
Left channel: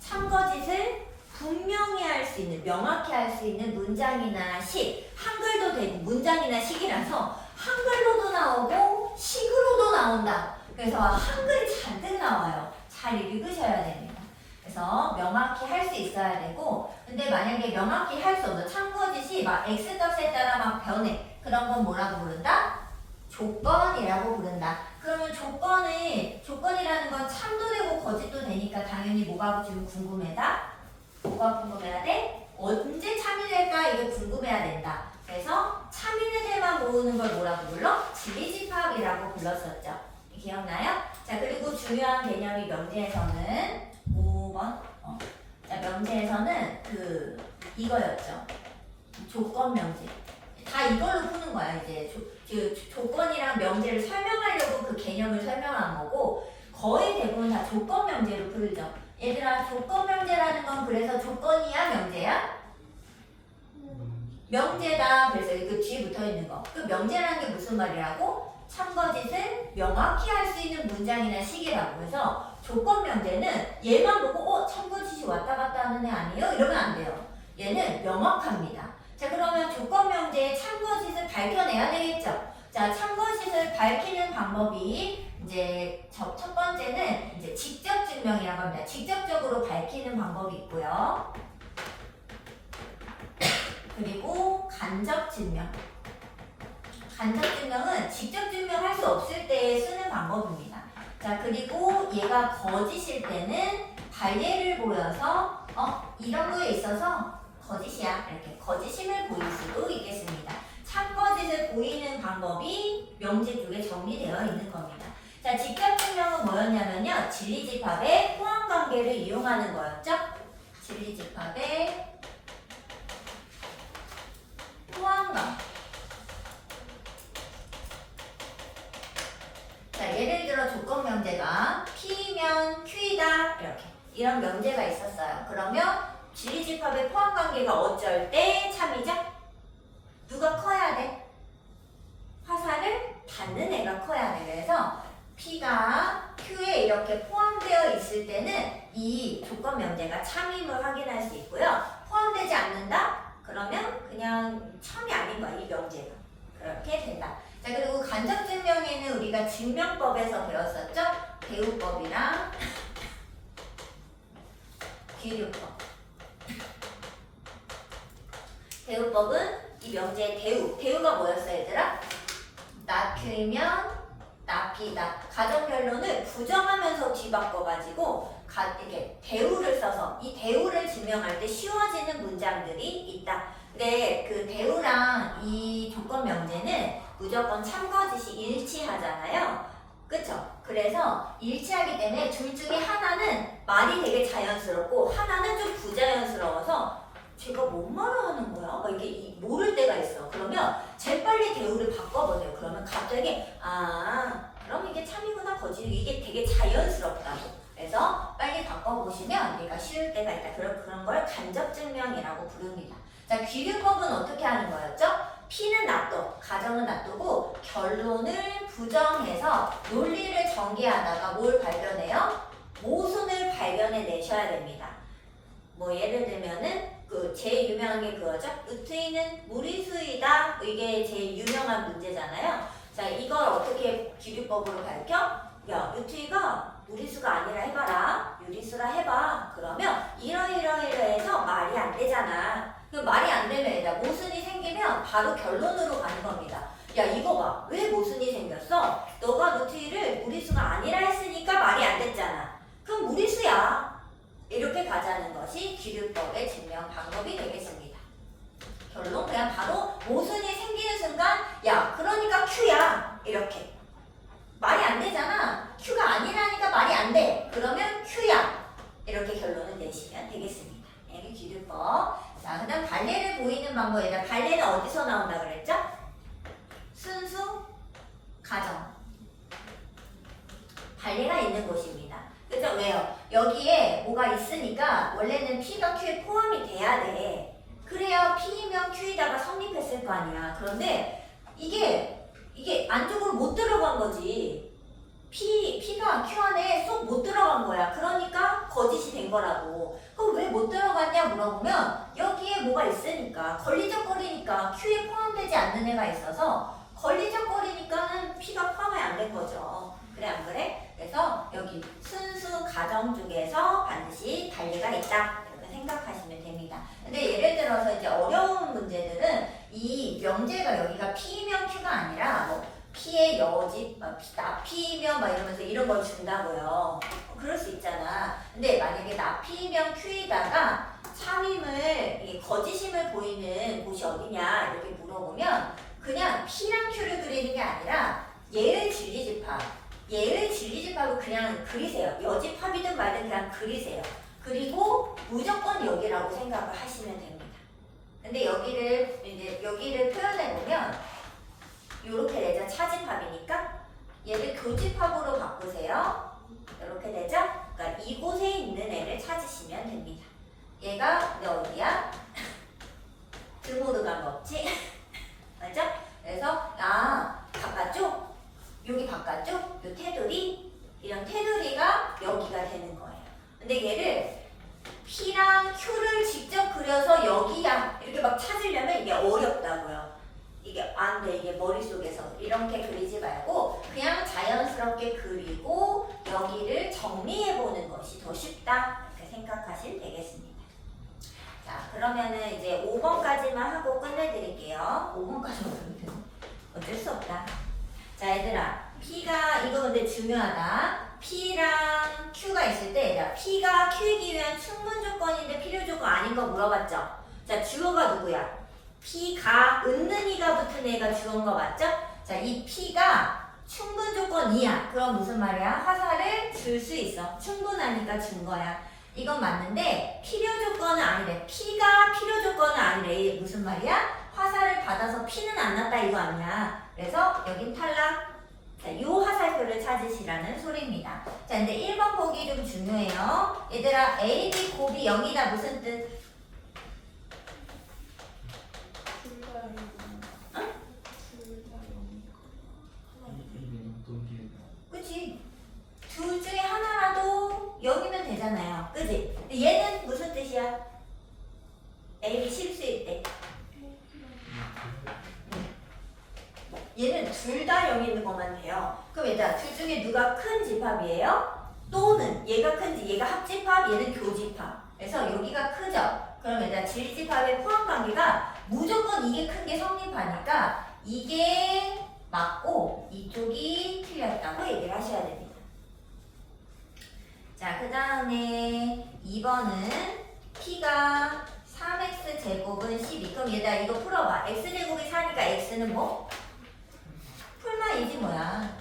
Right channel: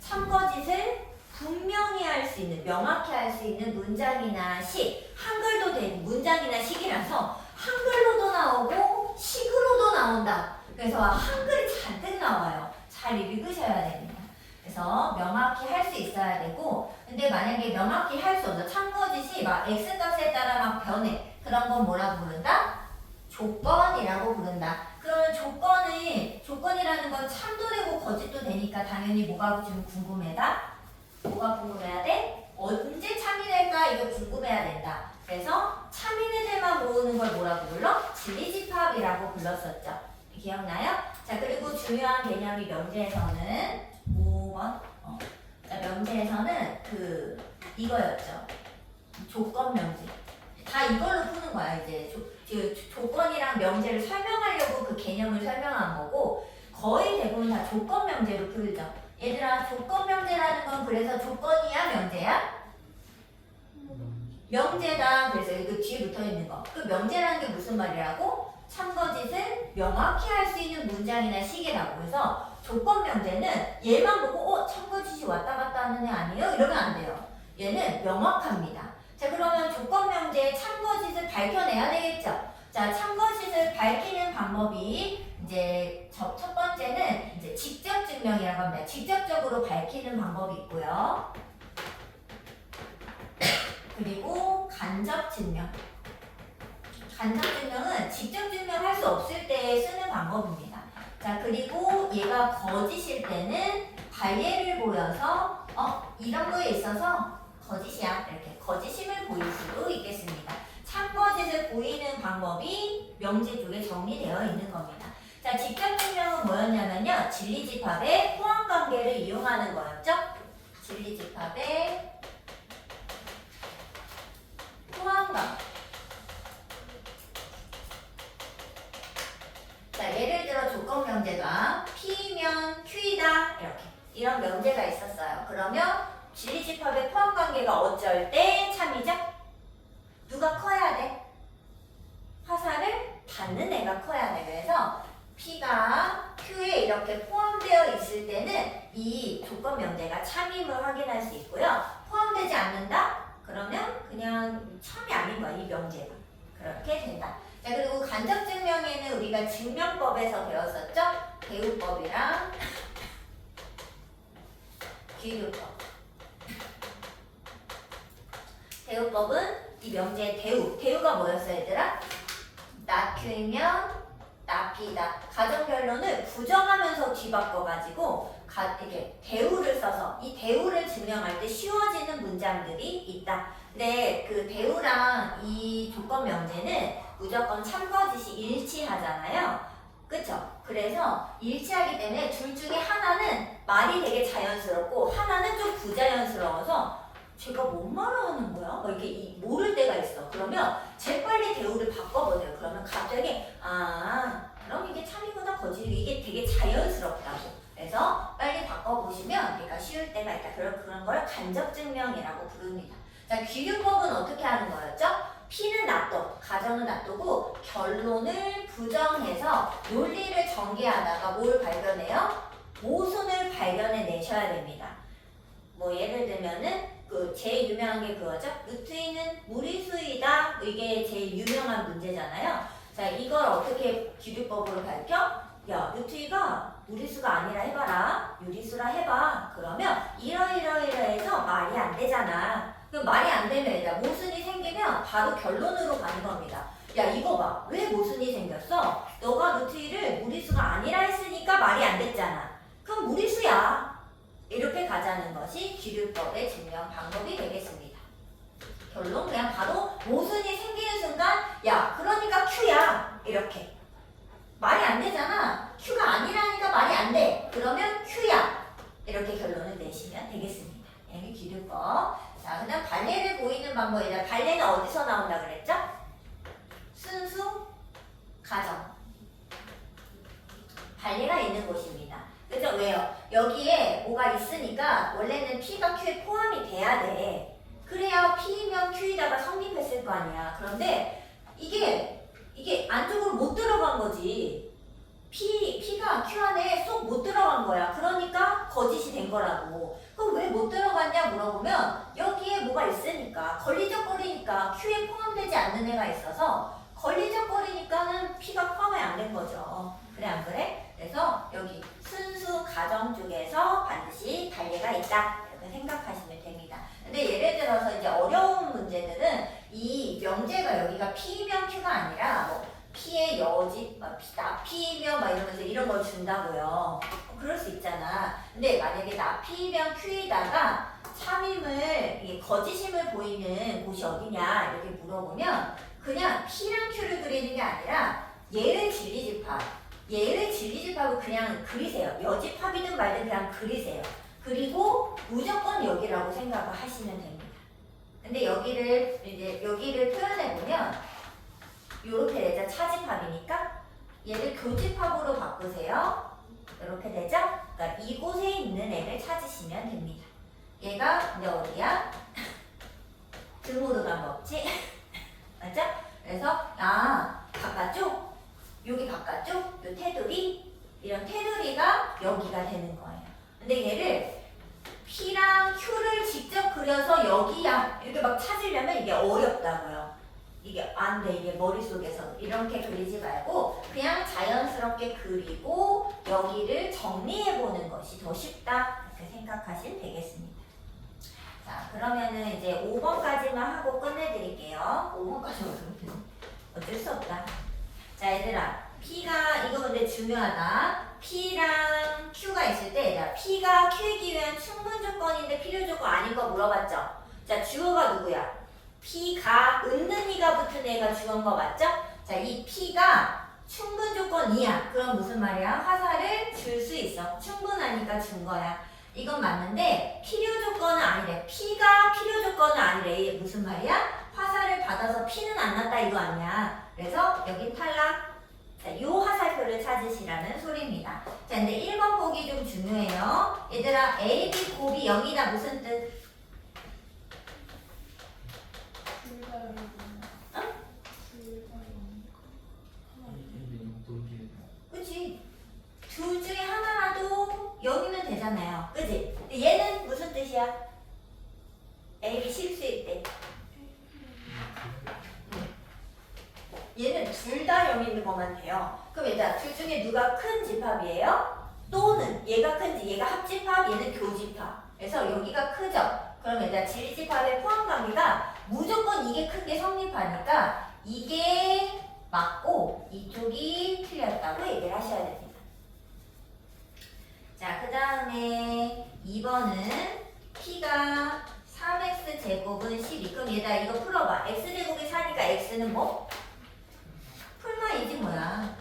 참거짓을 분명히 할 수 있는, 명확히 할 수 있는 문장이나 식. 한글도 되고 문장이나 식이라서 한글로도 나오고 식으로도 나온다. 그래서 한글이 잔뜩 나와요. 잘 읽으셔야 됩니다. 그래서 명확히 할 수 있어야 되고, 근데 만약에 명확히 할 수 없어. 참거짓이 막 x값에 따라 막 변해. 그런 건 뭐라고 부른다? 조건이라고 부른다. 그러면 조건이라는 건 참도 되고 거짓도 되니까 당연히 뭐가 지금 궁금해다? 뭐가 궁금해야 돼? 언제 참이 될까? 이게 궁금해야 된다. 그래서 참인애들만 모으는 걸 뭐라고 불러? 진리집합이라고 불렀었죠. 기억나요? 자, 그리고 중요한 개념이 명제에서는 5번. 자, 명제에서는 이거였죠. 조건 명제. 다 이걸로 푸는 거야. 이제 조건이랑 명제를 설명하려고 그 개념을 설명한 거고, 거의 대부분 다 조건 명제로 풀죠. 얘들아, 조건 명제라는 건 그래서 조건이야, 명제야? 명제다. 그래서 그 뒤에 붙어 있는 거. 그 명제라는 게 무슨 말이라고? 참거짓을 명확히 할 수 있는 문장이나 식이라고. 그래서 조건 명제는 얘만 보고 참거짓이 왔다 갔다 하는 애 아니에요? 이러면 안 돼요. 얘는 명확합니다. 자, 그러면 조건 명제의 참거짓을 밝혀내야 되겠죠. 자, 참거짓을 밝히는 방법이 이제 첫 번째는 이제 직접 증명이라고 합니다. 직접적으로 밝히는 방법이 있고요. 그리고 간접 증명. 간접 증명은 직접 증명할 수 없을 때 쓰는 방법입니다. 자, 그리고 얘가 거짓일 때는 관례를 보여서 이런 거에 있어서 거짓이야. 이렇게 거짓임을 보일 수도 있겠습니다. 참거짓을 보이는 방법이 명제 쪽에 정리되어 있는 겁니다. 자, 직접 증명은 뭐였냐면요. 진리집합의 포함관계를 이용하는 거였죠. 진리집합의 포함관계. 자, 예를 들어 조건 명제가 P면 Q이다. 이렇게. 이런 명제가 있었어요. 그러면 진리집합의 포함관계가 어쩔 때 참이죠? 누가 커야 돼? 화살을 받는 애가 커야 돼. 그래서 P가 Q에 이렇게 포함되어 있을 때는 이 조건 명제가 참임을 확인할 수 있고요. 포함되지 않는다? 그러면 그냥 참이 아닌 거야, 이 명제가. 그렇게 된다. 자, 그리고 간접 증명에는 우리가 증명법에서 배웠었죠? 대우법이랑 기류법. 대우법은 이 명제의 대우가 뭐였어, 얘들아? 나Q이면 나P다. 가정변론을 부정하면서 뒤바꿔가지고 이렇게 대우를 써서 이 대우를 증명할 때 쉬워지는 문장들이 있다. 근데 그 대우랑 이 조건 명제는 무조건 참거짓이 일치하잖아요. 그쵸? 그래서 일치하기 때문에 둘 중에 하나는 말이 되게 자연스럽고 하나는 좀 부자연스러워서 제가 뭔 말을 하는 거야? 막 이게 모를 때가 있어. 그러면 재빨리 대우를 바꿔보세요. 그러면 갑자기 그럼 이게 참이구나 거짓이 이게 되게 자연스럽다고. 그래서 빨리 바꿔보시면 얘가 쉬울 때가 있다. 그런 걸 간접 증명이라고 부릅니다. 자, 귀류법은 어떻게 하는 거였죠? P는 놔둬, 가정은 놔두고 결론을 부정해서 논리를 전개하다가 뭘 발견해요? 모순을 발견해 내셔야 됩니다. 뭐 예를 들면은 제일 유명한 게 그거죠. 루트인은 무리수이다. 이게 제일 유명한 문제잖아요. 자, 이걸 어떻게 기류법으로 밝혀? 야, 루트이가 무리수가 아니라 해봐라. 유리수라 해봐. 그러면 이러해서 말이 안 되잖아. 그럼 말이 안 되면 얘들아 모순이 생기면 바로 결론으로 가는 겁니다. 야, 이거 봐. 왜 모순이 생겼어? 너가 루트이를 무리수가 아니라 했으니까 말이 안 됐잖아. 그럼 무리수야. 이렇게 가자는 것이 기류법의 증명 방법이 되겠습니다. 결론 그냥 바로 모순이 생기는 순간 야, 그러니까 Q야. 이렇게. 말이 안 되잖아. Q가 아니라니까 말이 안 돼. 그러면 Q야. 이렇게 결론을 내시면 되겠습니다. 이게 기류법. 자, 그 다음 발레를 보이는 방법이다. 발레는 어디서 나온다 그랬죠? 순수, 가정. 발레가 있는 곳입니다. 그죠? 왜요? 여기에 뭐가 있으니까 원래는 P가 Q에 포함이 돼야 돼. 그래야 P면 Q에다가 성립했을 거 아니야. 그런데 이게 안쪽으로 못 들어간 거지. P가 Q 안에 쏙 못 들어간 거야. 그러니까 거짓이 된 거라고. 그럼 왜 못 들어갔냐 물어보면 여기에 뭐가 있으니까 걸리적거리니까 Q에 포함되지 않는 애가 있어서 걸리적거리니까는 P가 포함이 안 된 거죠. 그래 안 그래? 그래서 여기 순수 가정 쪽에서 반드시 단례가 있다. 이렇게 생각하시면 됩니다. 근데 예를 들어서 이제 어려운 문제들은 이 명제가 여기가 P면 Q가 아니라 뭐 P의 여집, P면 막 이러면서 이런 걸 준다고요. 그럴 수 있잖아. 근데 만약에 나 P면 Q에다가 참임을, 이게 거짓임을 보이는 곳이 어디냐 이렇게 물어보면 그냥 P랑 Q를 그리는 게 아니라 얘를 진리집합, 얘를 진리집합을 그냥 그리세요. 여집합이든 말든 그냥 그리세요. 그리고 무조건 여기라고 생각을 하시면 됩니다. 근데 여기를 표현해 보면 이렇게 되죠. 차집합이니까 얘를 교집합으로 바꾸세요. 이렇게 되죠. 그러니까 이곳에 있는 애를 찾으시면 됩니다. 얘가 근데 어디야? 등으로 간 거 없지? 맞죠? 그래서 바깥쪽, 여기 바깥쪽, 요 테두리, 이런 테두리가 여기가 되는 거예요. 근데 얘를 P랑 Q를 직접 그려서 여기야 이렇게 막 찾으려면 이게 어렵다고요. 이게 안 돼. 이게 머릿속에서 이렇게 그리지 말고 그냥 자연스럽게 그리고 여기를 정리해보는 것이 더 쉽다. 이렇게 생각하시면 되겠습니다. 자, 그러면은 이제 5번까지만 하고 끝내드릴게요. 5번까지만 하면 어쩔 수 없다. 자, 얘들아. P가, 이거 근데 중요하다. P랑 Q가 있을 때, 얘들아, P가 Q이기 위한 충분 조건인데 필요 조건 아닌 거 물어봤죠? 자, 주어가 누구야? P가 은는이가 붙은 애가 주어인 거 맞죠? 자, 이 P가 충분 조건이야. 그럼 무슨 말이야? 화살을 줄 수 있어. 충분하니까 준 거야. 이건 맞는데 필요 조건은 아니래. P가 필요 조건은 아니래. 이게 무슨 말이야? 화살을 받아서 P는 안 났다 이거 아니야. 그래서 여긴 탈락. 자, 요 화살표를 찾으시라는 소리입니다. 자, 근데 1번 보기 좀 중요해요. 얘들아, A, B 곱이 0이다 무슨 뜻? 그치? 둘 중에 하나라도 0이면 되잖아요. 그치? 근데 얘는 무슨 뜻이야? A, B 실수일 때. 얘는 둘 다 0이 있는 것만 돼요. 그럼 얘들아, 둘 중에 누가 큰 집합이에요? 또는 얘가 큰지, 얘가 합집합, 얘는 교집합. 그래서 여기가 크죠? 그럼 얘들아, 진리집합의 포함관계가 무조건 이게 큰 게 성립하니까 이게 맞고 이쪽이 틀렸다고 얘기를 하셔야 됩니다. 자, 그 다음에 2번은 P가 3x 제곱은 12. 그럼 얘들아 이거 풀어봐. x 제곱이 4니까 x는 뭐? 풀만이지 뭐야.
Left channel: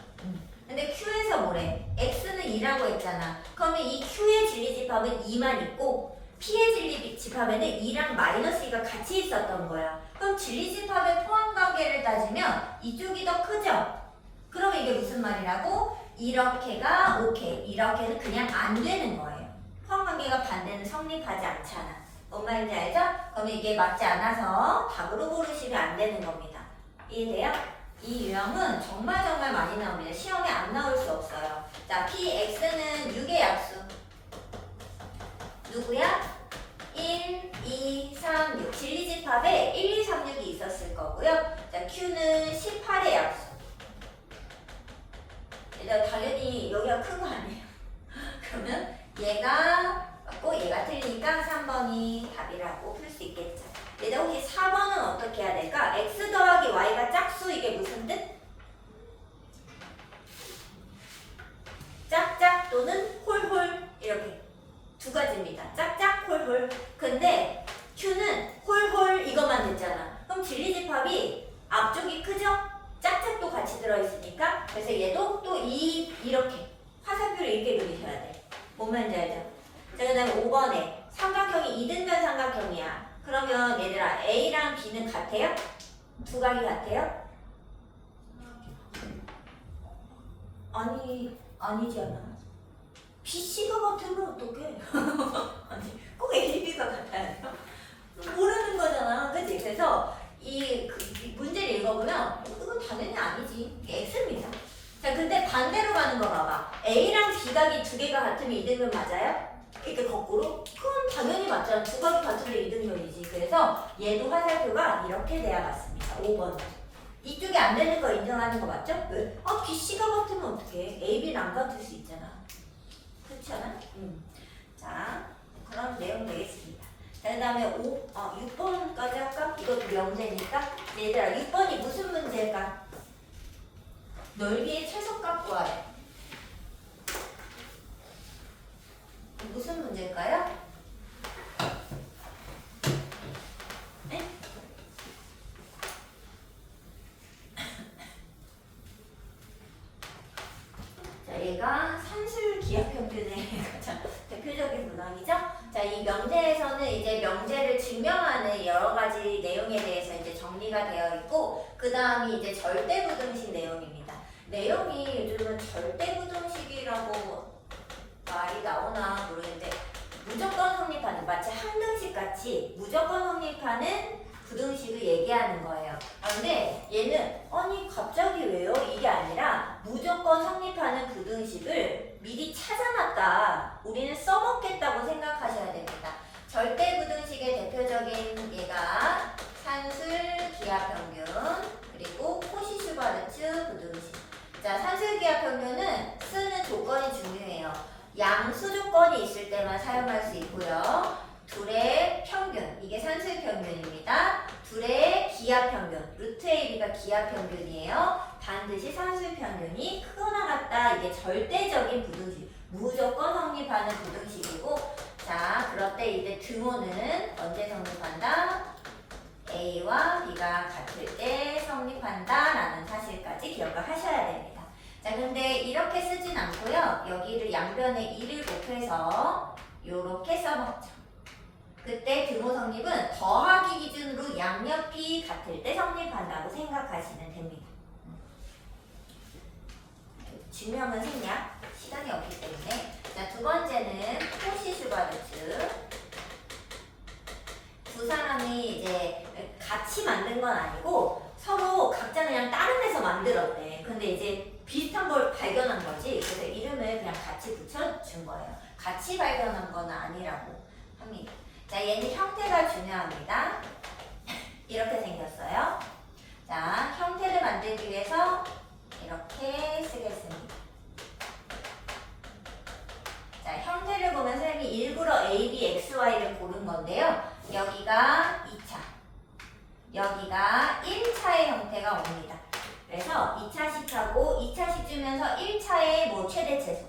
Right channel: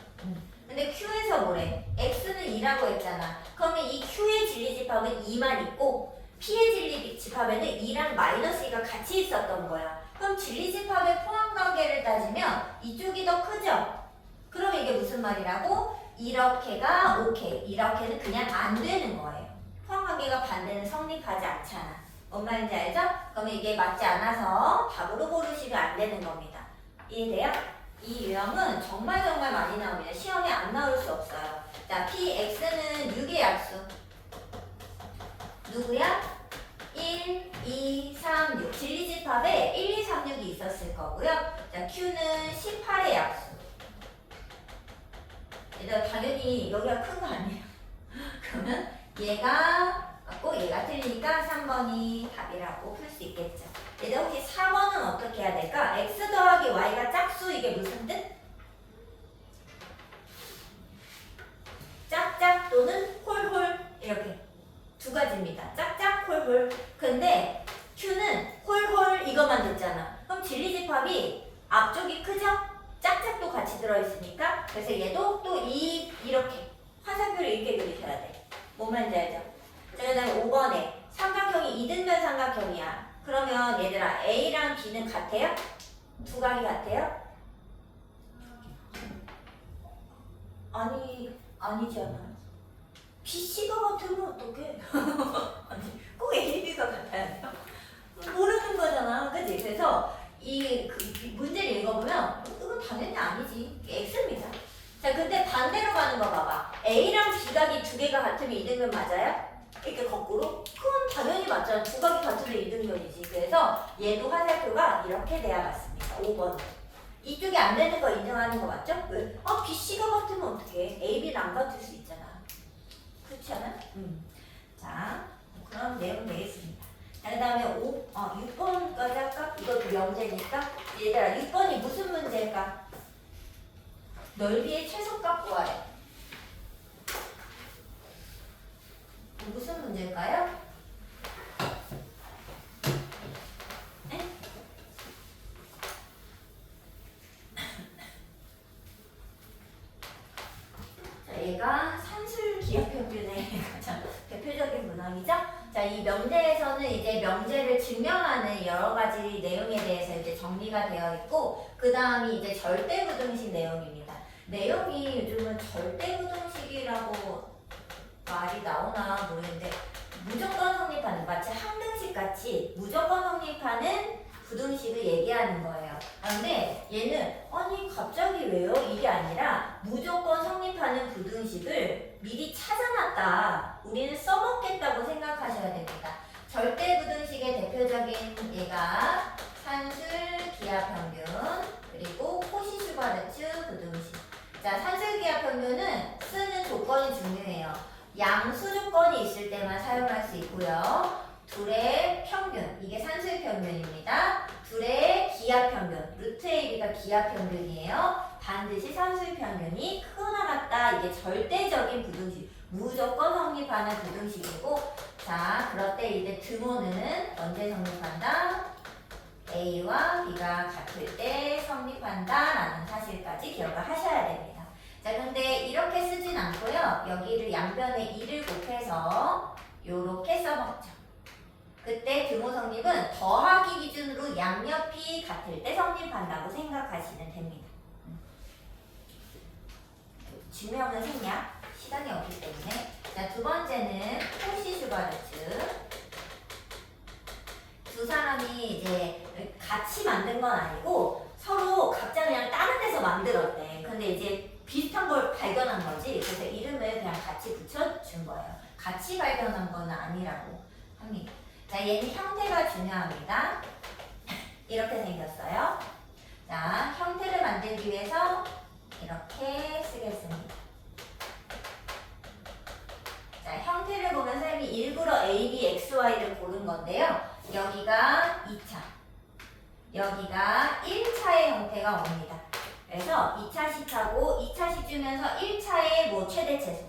근데 Q에서 뭐래? x는 2라고 했잖아. 그러면 이 Q의 진리집합은 2만 있고 P의 진리집합에는 2랑 마이너스 2가 같이 있었던 거야. 그럼 진리집합의 포함관계를 따지면 이쪽이 더 크죠? 그럼 이게 무슨 말이라고? 이렇게가 오케이. 이렇게는 그냥 안 되는 거예요. 포함관계가 반대는 성립하지 않잖아. 뭔 말인지 알죠? 그러면 이게 맞지 않아서 답으로 고르시면 안 되는 겁니다. 이해돼요? 이 유형은 정말 많이 나옵니다. 시험에 안 나올 수 없어요. 자, PX는 6의 약수. 누구야? 1, 2, 3, 6. 진리집합에 1, 2, 3, 6이 있었을 거고요. 자, Q는 18의 약수. 얘들아, 당연히 여기가 큰 거 아니에요. 그러면 얘가 맞고 얘가 틀리니까 3번이 답이라고 풀 수 있겠죠. 얘들아, 혹시 4번은 어떻게 해야 될까? X 더하기 Y가 짝수, 이게 무슨 뜻? 짝짝 또는 홀홀, 이렇게 두 가지입니다. 짝짝, 홀홀. 근데 Q는 홀홀 이것만 됐잖아. 그럼 진리집합이 앞쪽이 크죠? 짝짝도 같이 들어있으니까. 그래서 얘도 또 이렇게 화살표를 이렇게 그리셔야 돼. 뭔 말인지 알죠? 자, 그 다음에 5번에 삼각형이 이등변 삼각형이야. 그러면 얘들아, A랑 B는 같아요? 두 각이 같아요? 아니지 않아. BC가 같으면 어떡해? 아니, 꼭 A, B가 같아야 돼요? 모르는 거잖아. 없잖아. 그치? 그래서 이 문제를 읽어보면 이건 당연히 아니지. X입니다. 자, 근데 반대로 가는 거 봐봐. A랑 B각이 두 개가 같으면 이등변 맞아요? 이렇게 거꾸로? 그럼 당연히 맞잖아. 두 각이 같으면 이등변이지. 그래서 얘도 화살표가 이렇게 돼야 맞습니다. 5번. 이쪽이 안 되는 거 인정하는 거 맞죠? 왜? 아, BC가 같으면 어떡해? A, B는 안 같을 수 있잖아. 그렇지 않아? 자, 그런 내용 되겠습니다. 자, 그 다음에 6번까지 할까? 이것도 명제니까. 얘들아, 6번이 무슨 문제일까? 넓이의 최소값 구하래. 무슨 문제일까요? 네? 자, 얘가 산술 기하평균의 가장 대표적인 문항이죠. 자, 이 명제에서는 이제 명제를 증명하는 여러 가지 내용에 대해서 이제 정리가 되어 있고, 그 다음이 이제 절대부등식 내용입니다. 내용이 요즘은 절대부등식이라고 말이 나오나 모르겠는데, 무조건 성립하는, 마치 항등식 같이 무조건 성립하는 부등식을 얘기하는 거예요. 그런데 얘는 아니 갑자기 왜요? 이게 아니라 무조건 성립하는 부등식을 미리 찾아놨다. 우리는 써먹겠다고 생각하셔야 됩니다. 절대부등식의 대표적인 얘가 산술 기하평균 그리고 코시-슈바르츠 부등식. 자, 산술 기하평균은 쓰는 조건이 중요해요. 양수 조건이 있을 때만 사용할 수 있고요. 둘의 평균, 이게 산술 평균입니다. 둘의 기하 평균, 루트 AB가 기하 평균이에요. 반드시 산술 평균이 크거나 같다. 이게 절대적인 부등식, 무조건 성립하는 부등식이고, 자, 그럴 때 이제 등호는 언제 성립한다? A와 B가 같을 때 성립한다 라는 사실까지 기억을 하셔야 됩니다. 자, 근데 이렇게 쓰진 않고요. 여기를 양변에 2를 곱해서 요렇게 써먹죠. 그때 등호 성립은 더하기 기준으로 양옆이 같을 때 성립한다고 생각하시면 됩니다. 증명은 생략, 시간이 없기 때문에. 자, 두 번째는 코시-슈바르츠. 두 사람이 이제 같이 만든 건 아니고 서로 각자 그냥 다른 데서 만들었대. 근데 이제 비슷한 걸 발견한 거지. 그래서 이름을 그냥 같이 붙여준 거예요. 같이 발견한 건 아니라고 합니다. 자, 얘는 형태가 중요합니다. 이렇게 생겼어요. 자, 형태를 만들기 위해서 이렇게 쓰겠습니다. 자, 형태를 보면 선생님이 일부러 A, B, X, Y를 고른 건데요. 여기가 2차, 여기가 1차의 형태가 옵니다. 그래서 2차 시차고 2차씩 주면서 1차의 뭐 최대 최소,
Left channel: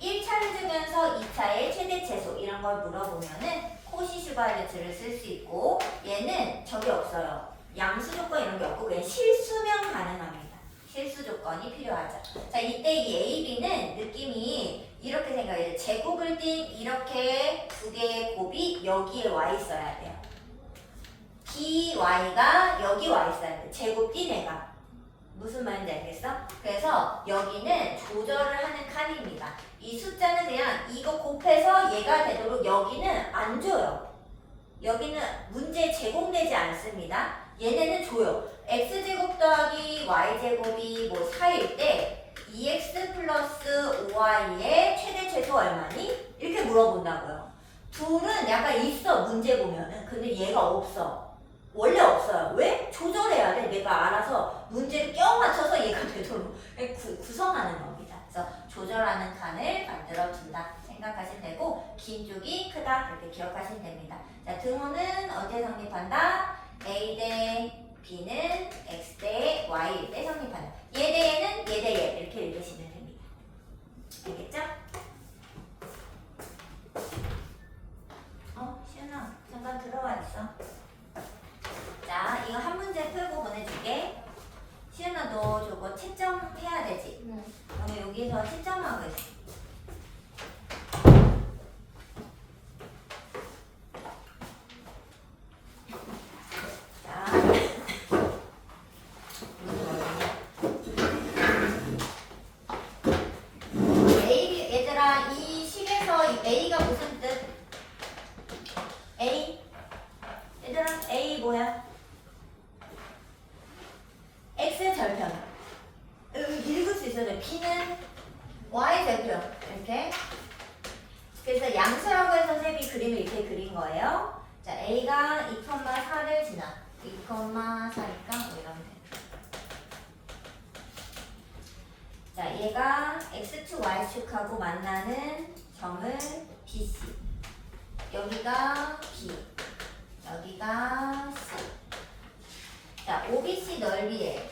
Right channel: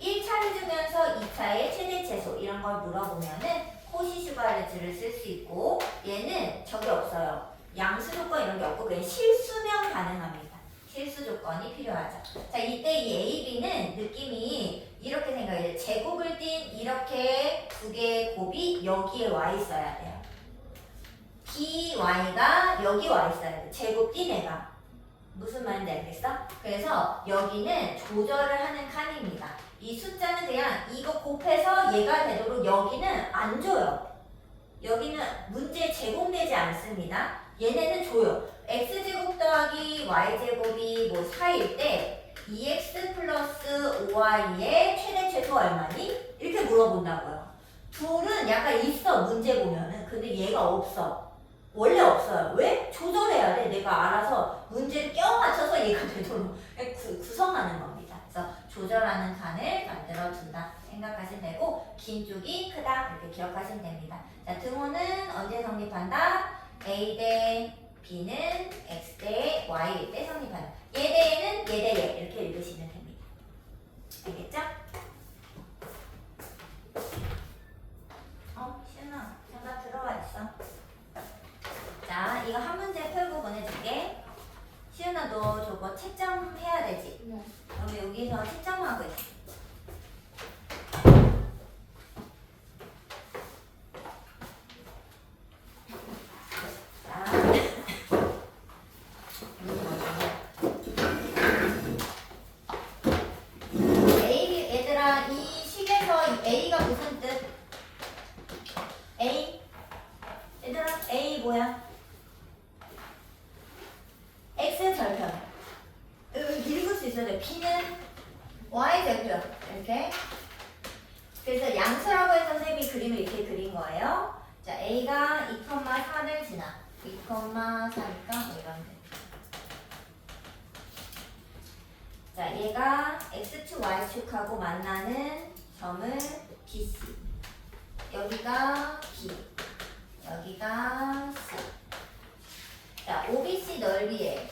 1차를 주면서 2차의 최대 최소 이런 걸 물어보면은 코시-슈바르츠를 쓸 수 있고, 얘는 저기 없어요. 양수 조건 이런 게 없고 그냥 실수면 가능합니다. 실수 조건이 필요하죠. 자, 이때 이 A, B는 느낌이 이렇게 생각해요. 제곱을 띈 이렇게 두 개의 곱이 여기에 와 있어야 돼요. B, Y가 여기 와 있어야 돼. 제곱 띈 애가. 무슨 말인지 알겠어? 그래서 여기는 조절을 하는 칸입니다. 이 숫자는 그냥 이거 곱해서 얘가 되도록 여기는 안 줘요. 여기는 문제에 제공되지 않습니다. 얘네는 줘요. x제곱 더하기 y제곱이 뭐 4일 때 2x 플러스 5y의 최대 최소 얼마니? 이렇게 물어본다고요. 둘은 약간 있어 문제 보면은. 근데 얘가 없어. 원래 없어요. 왜? 조절해야 돼. 내가 알아서 문제를 껴 맞춰서 얘가 되도록 구성하는 겁니다. 그래서 조절하는 칸을 만들어 준다 생각하시면 되고, 긴 쪽이 크다 이렇게 기억하시면 됩니다. 자, 등호는 언제 성립한다? A 대 B는 X 대 Y일 때 성립한다. 얘 대 얘는 얘 대 얘 이렇게 읽으시면 됩니다. 알겠죠? 시은아 잠깐 들어와 있어. 자, 이거 한 문제 풀고 보내줄게. 시은아 너 저거 채점 해야 되지? 네. 그럼 여기서 채점하고 있어. 자, A, 얘들아 이 식에서 이 A가 무슨 뜻? A? 얘들아 A 뭐야? X를 P는 Y제표 이렇게. 그래서 양수라고 해서 쌤이 그림을 이렇게 그린 거예요. 자, A가 2,4를 지나 2,4니까 뭐 이런 데. 자, 얘가 X축, Y축하고 만나는 점을 BC. 여기가 B. 여기가 C. 자, OBC 넓이에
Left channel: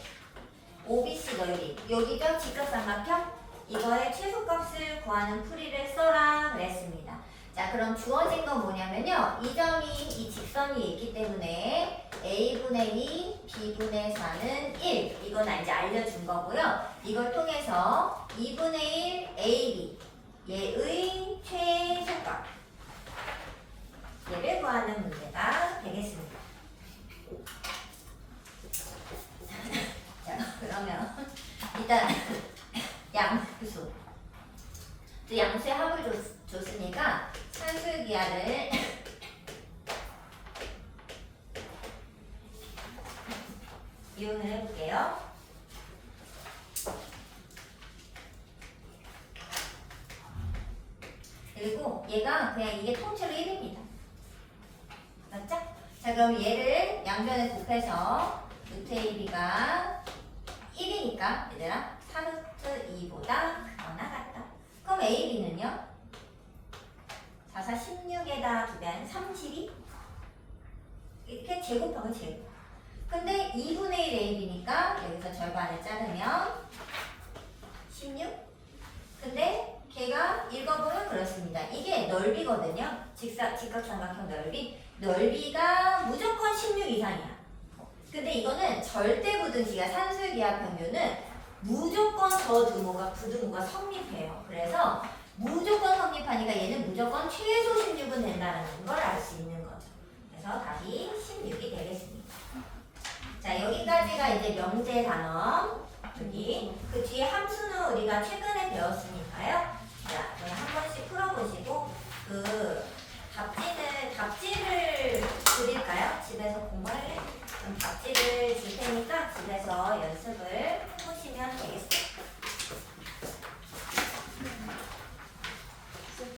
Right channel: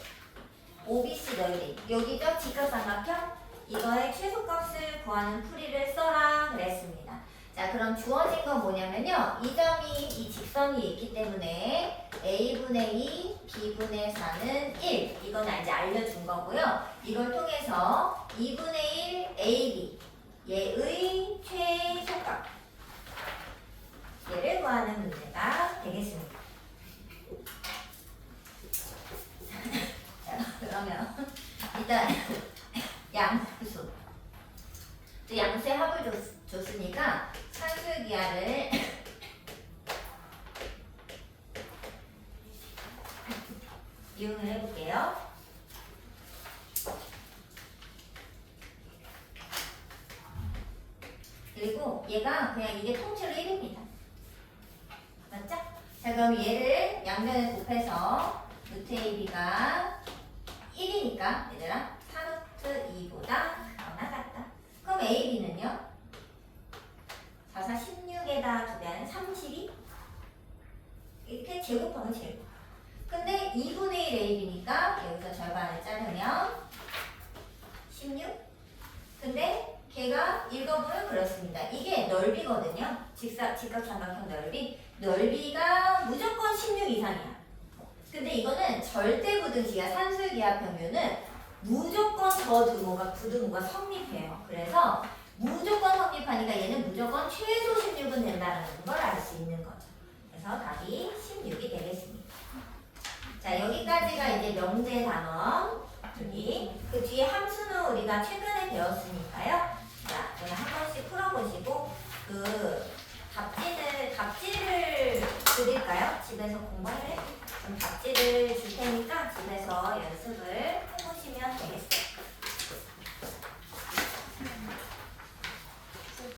OBC 넓이. 여기죠? 직각삼각형? 이거의 최소값을 구하는 풀이를 써라 그랬습니다. 자, 그럼 주어진 건 뭐냐면요. 이 점이 이 직선이 있기 때문에 A분의 2, B분의 4는 1. 이건 이제 알려준 거고요. 이걸 통해서 2분의 1 AB 얘의 최소값 얘를 구하는 문제가 되겠습니다. 자, 그러면 일단 양수. 양수의 합을 줬으니까 산술기하를 이용을 해볼게요. 그리고 얘가 그냥 이게 통째로 1입니다. 맞죠? 자, 그럼 얘를 양면을 곱해서 루트 AB가 1이니까 얘들아 4루트 2보다 크거나 같다. 그럼 AB는요? 4, 4, 16에다 2배하면 32? 이렇게 제곱하면 제곱. 근데 2분의 1 AB니까 여기서 절반을 자르면 16? 근데 걔가 읽어보면 그렇습니다. 이게 넓이거든요. 직각삼각형 넓이. 넓이가 무조건 16 이상이야. 근데 이거는 절대부등식이야. 산술기하 평균은 무조건 더 등호가 부등호가 성립해요. 그래서 무조건 성립하니까 얘는 무조건 최소 16은 된다는 걸 알 수 있는 거죠. 그래서 답이 16이 되겠습니다. 자, 여기까지가 이제 명제 단원. 여기 그 뒤에 함수는 우리가 최근에 배웠으니까요. 자, 그냥 한 번씩 풀어보시고 그 답지를 드릴까요? 집에서 공부할래? 그럼 답지를 줄 테니까 집에서 연습을